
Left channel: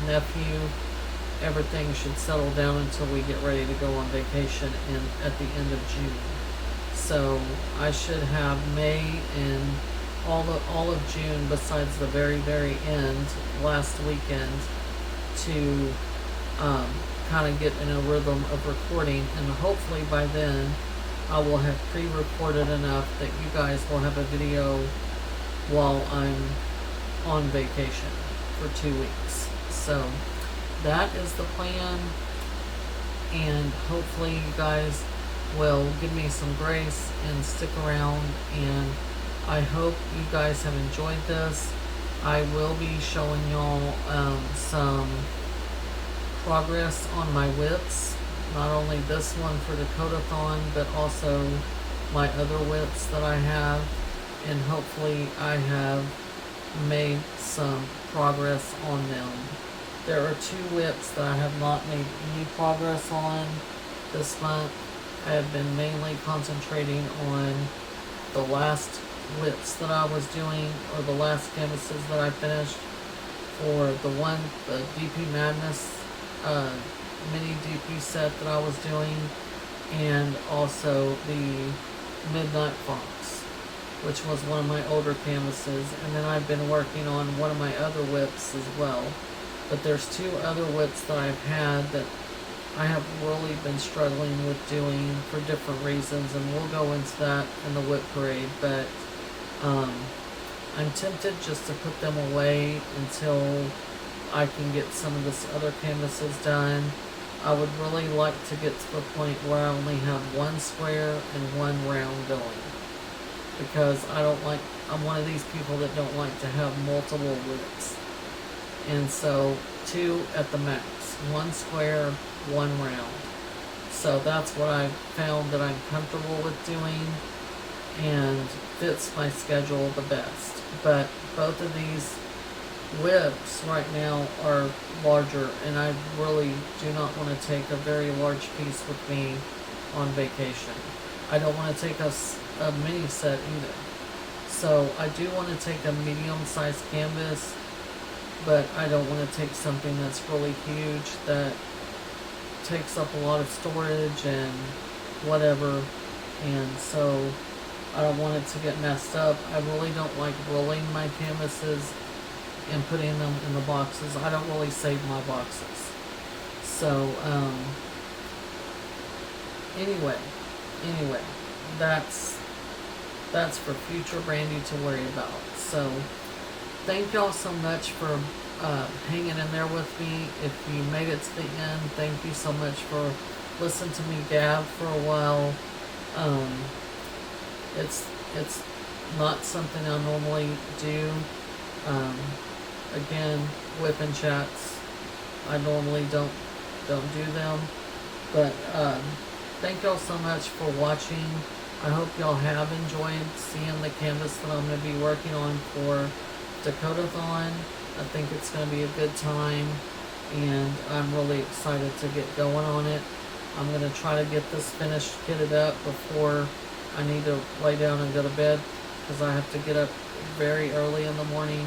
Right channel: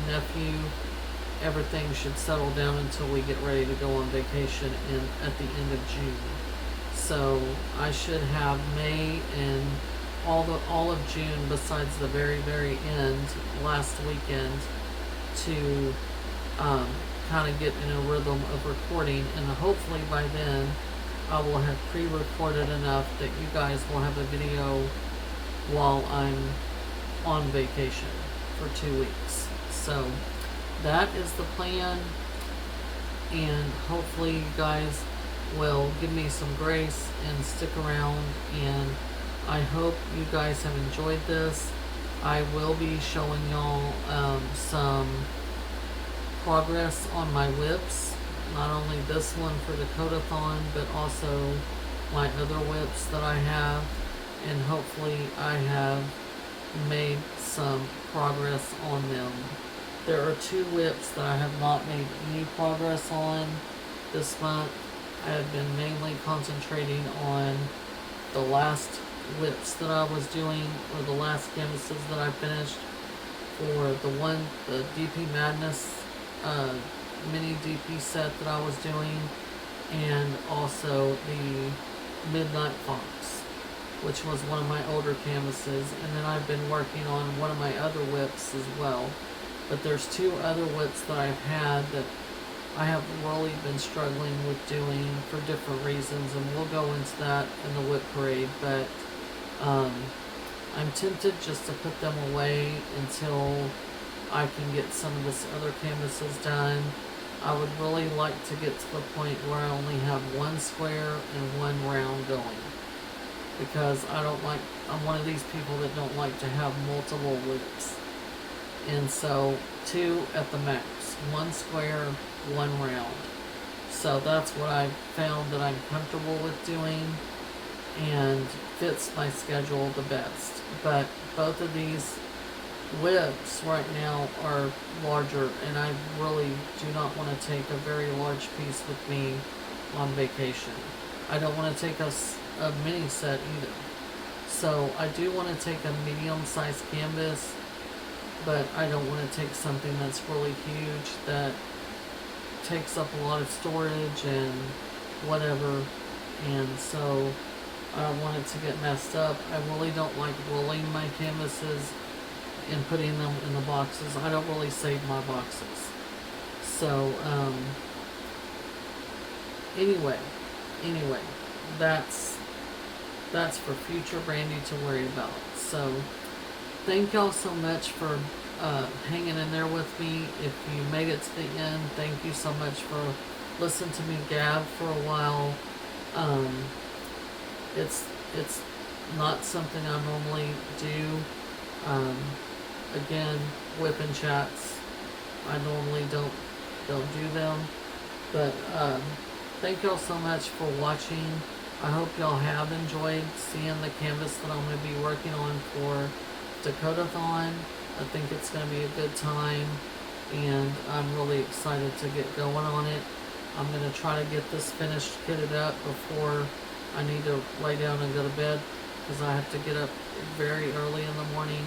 nephew, everything should settle down until we get ready to go on vacation at the end of June. So I should have May and all of June, besides the very end last weekend, to kind of get in a rhythm of recording, and hopefully by then I will have pre-recorded enough that you guys will have a video while I'm on vacation for 2 weeks. So that is the plan, and hopefully you guys will give me some grace and stick around, and I hope you guys have enjoyed this. I will be showing y'all some progress on my whips, not only this one for Dakotathon, but also my other whips that I have, and hopefully I have made some progress on them. There are 2 whips that I have not made any progress on this month. I have been mainly concentrating on the last whips that I was doing, or the last canvases that I finished for the DP Madness mini DP set that I was doing, and also the Midnight Fox, which was one of my older canvases, and then I've been working on one of my other whips as well. But there's 2 other whips that I've had that I have really been struggling with doing for different reasons, and we'll go into that in the whip parade. But I'm tempted just to put them away until I can get some of this other canvases done. I would really like to get to the point where I only have 1 square and 1 round going, because I'm one of these people that don't like to have multiple whips. And so 2 at the max, 1 square, 1 round. So that's what I've found that I'm comfortable with doing and fits my schedule the best. But both of these whips right now are larger, and I really do not want to take a very large piece with me on vacation. I don't want to take a mini set either. So I do want to take a medium-sized canvas, but I don't want to take something that's really huge that takes up a lot of storage and whatever, and so I don't want it to get messed up. I really don't like rolling my canvases and putting them in the boxes. I don't really save my boxes. So anyway, that's for future Brandy to worry about. So thank y'all so much for hanging in there with me. If you made it to the end, thank you so much for listening to me gab for a while. It's not something I normally do. Again, whipping chats, I normally don't do them. But thank y'all so much for watching. I hope y'all have enjoyed seeing the canvas that I'm going to be working on for Dakotathon. I think it's going to be a good time, and I'm really excited to get going on it. I'm going to try to get this finished, kitted up before I need to lay down and go to bed, because I have to get up very early in the morning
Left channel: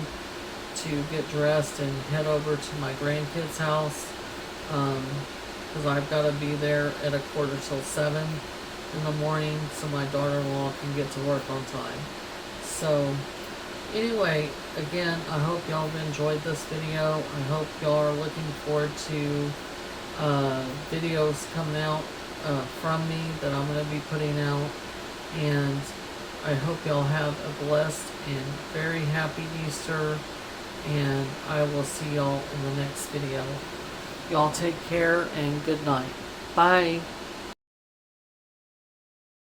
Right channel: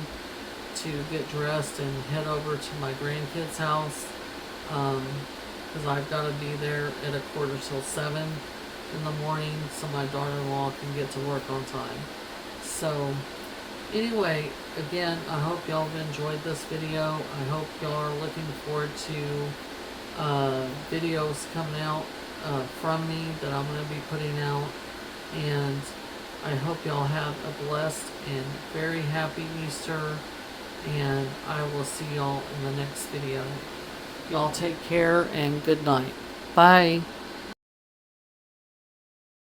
to get dressed and head over to my grandkids' house, because I've got to be there at 6:45 in the morning so my daughter-in-law can get to work on time. So anyway, again, I hope y'all have enjoyed this video. I hope y'all are looking forward to videos coming out from me that I'm going to be putting out, and I hope y'all have a blessed and very happy Easter, and I will see y'all in the next video. Y'all take care and good night. Bye.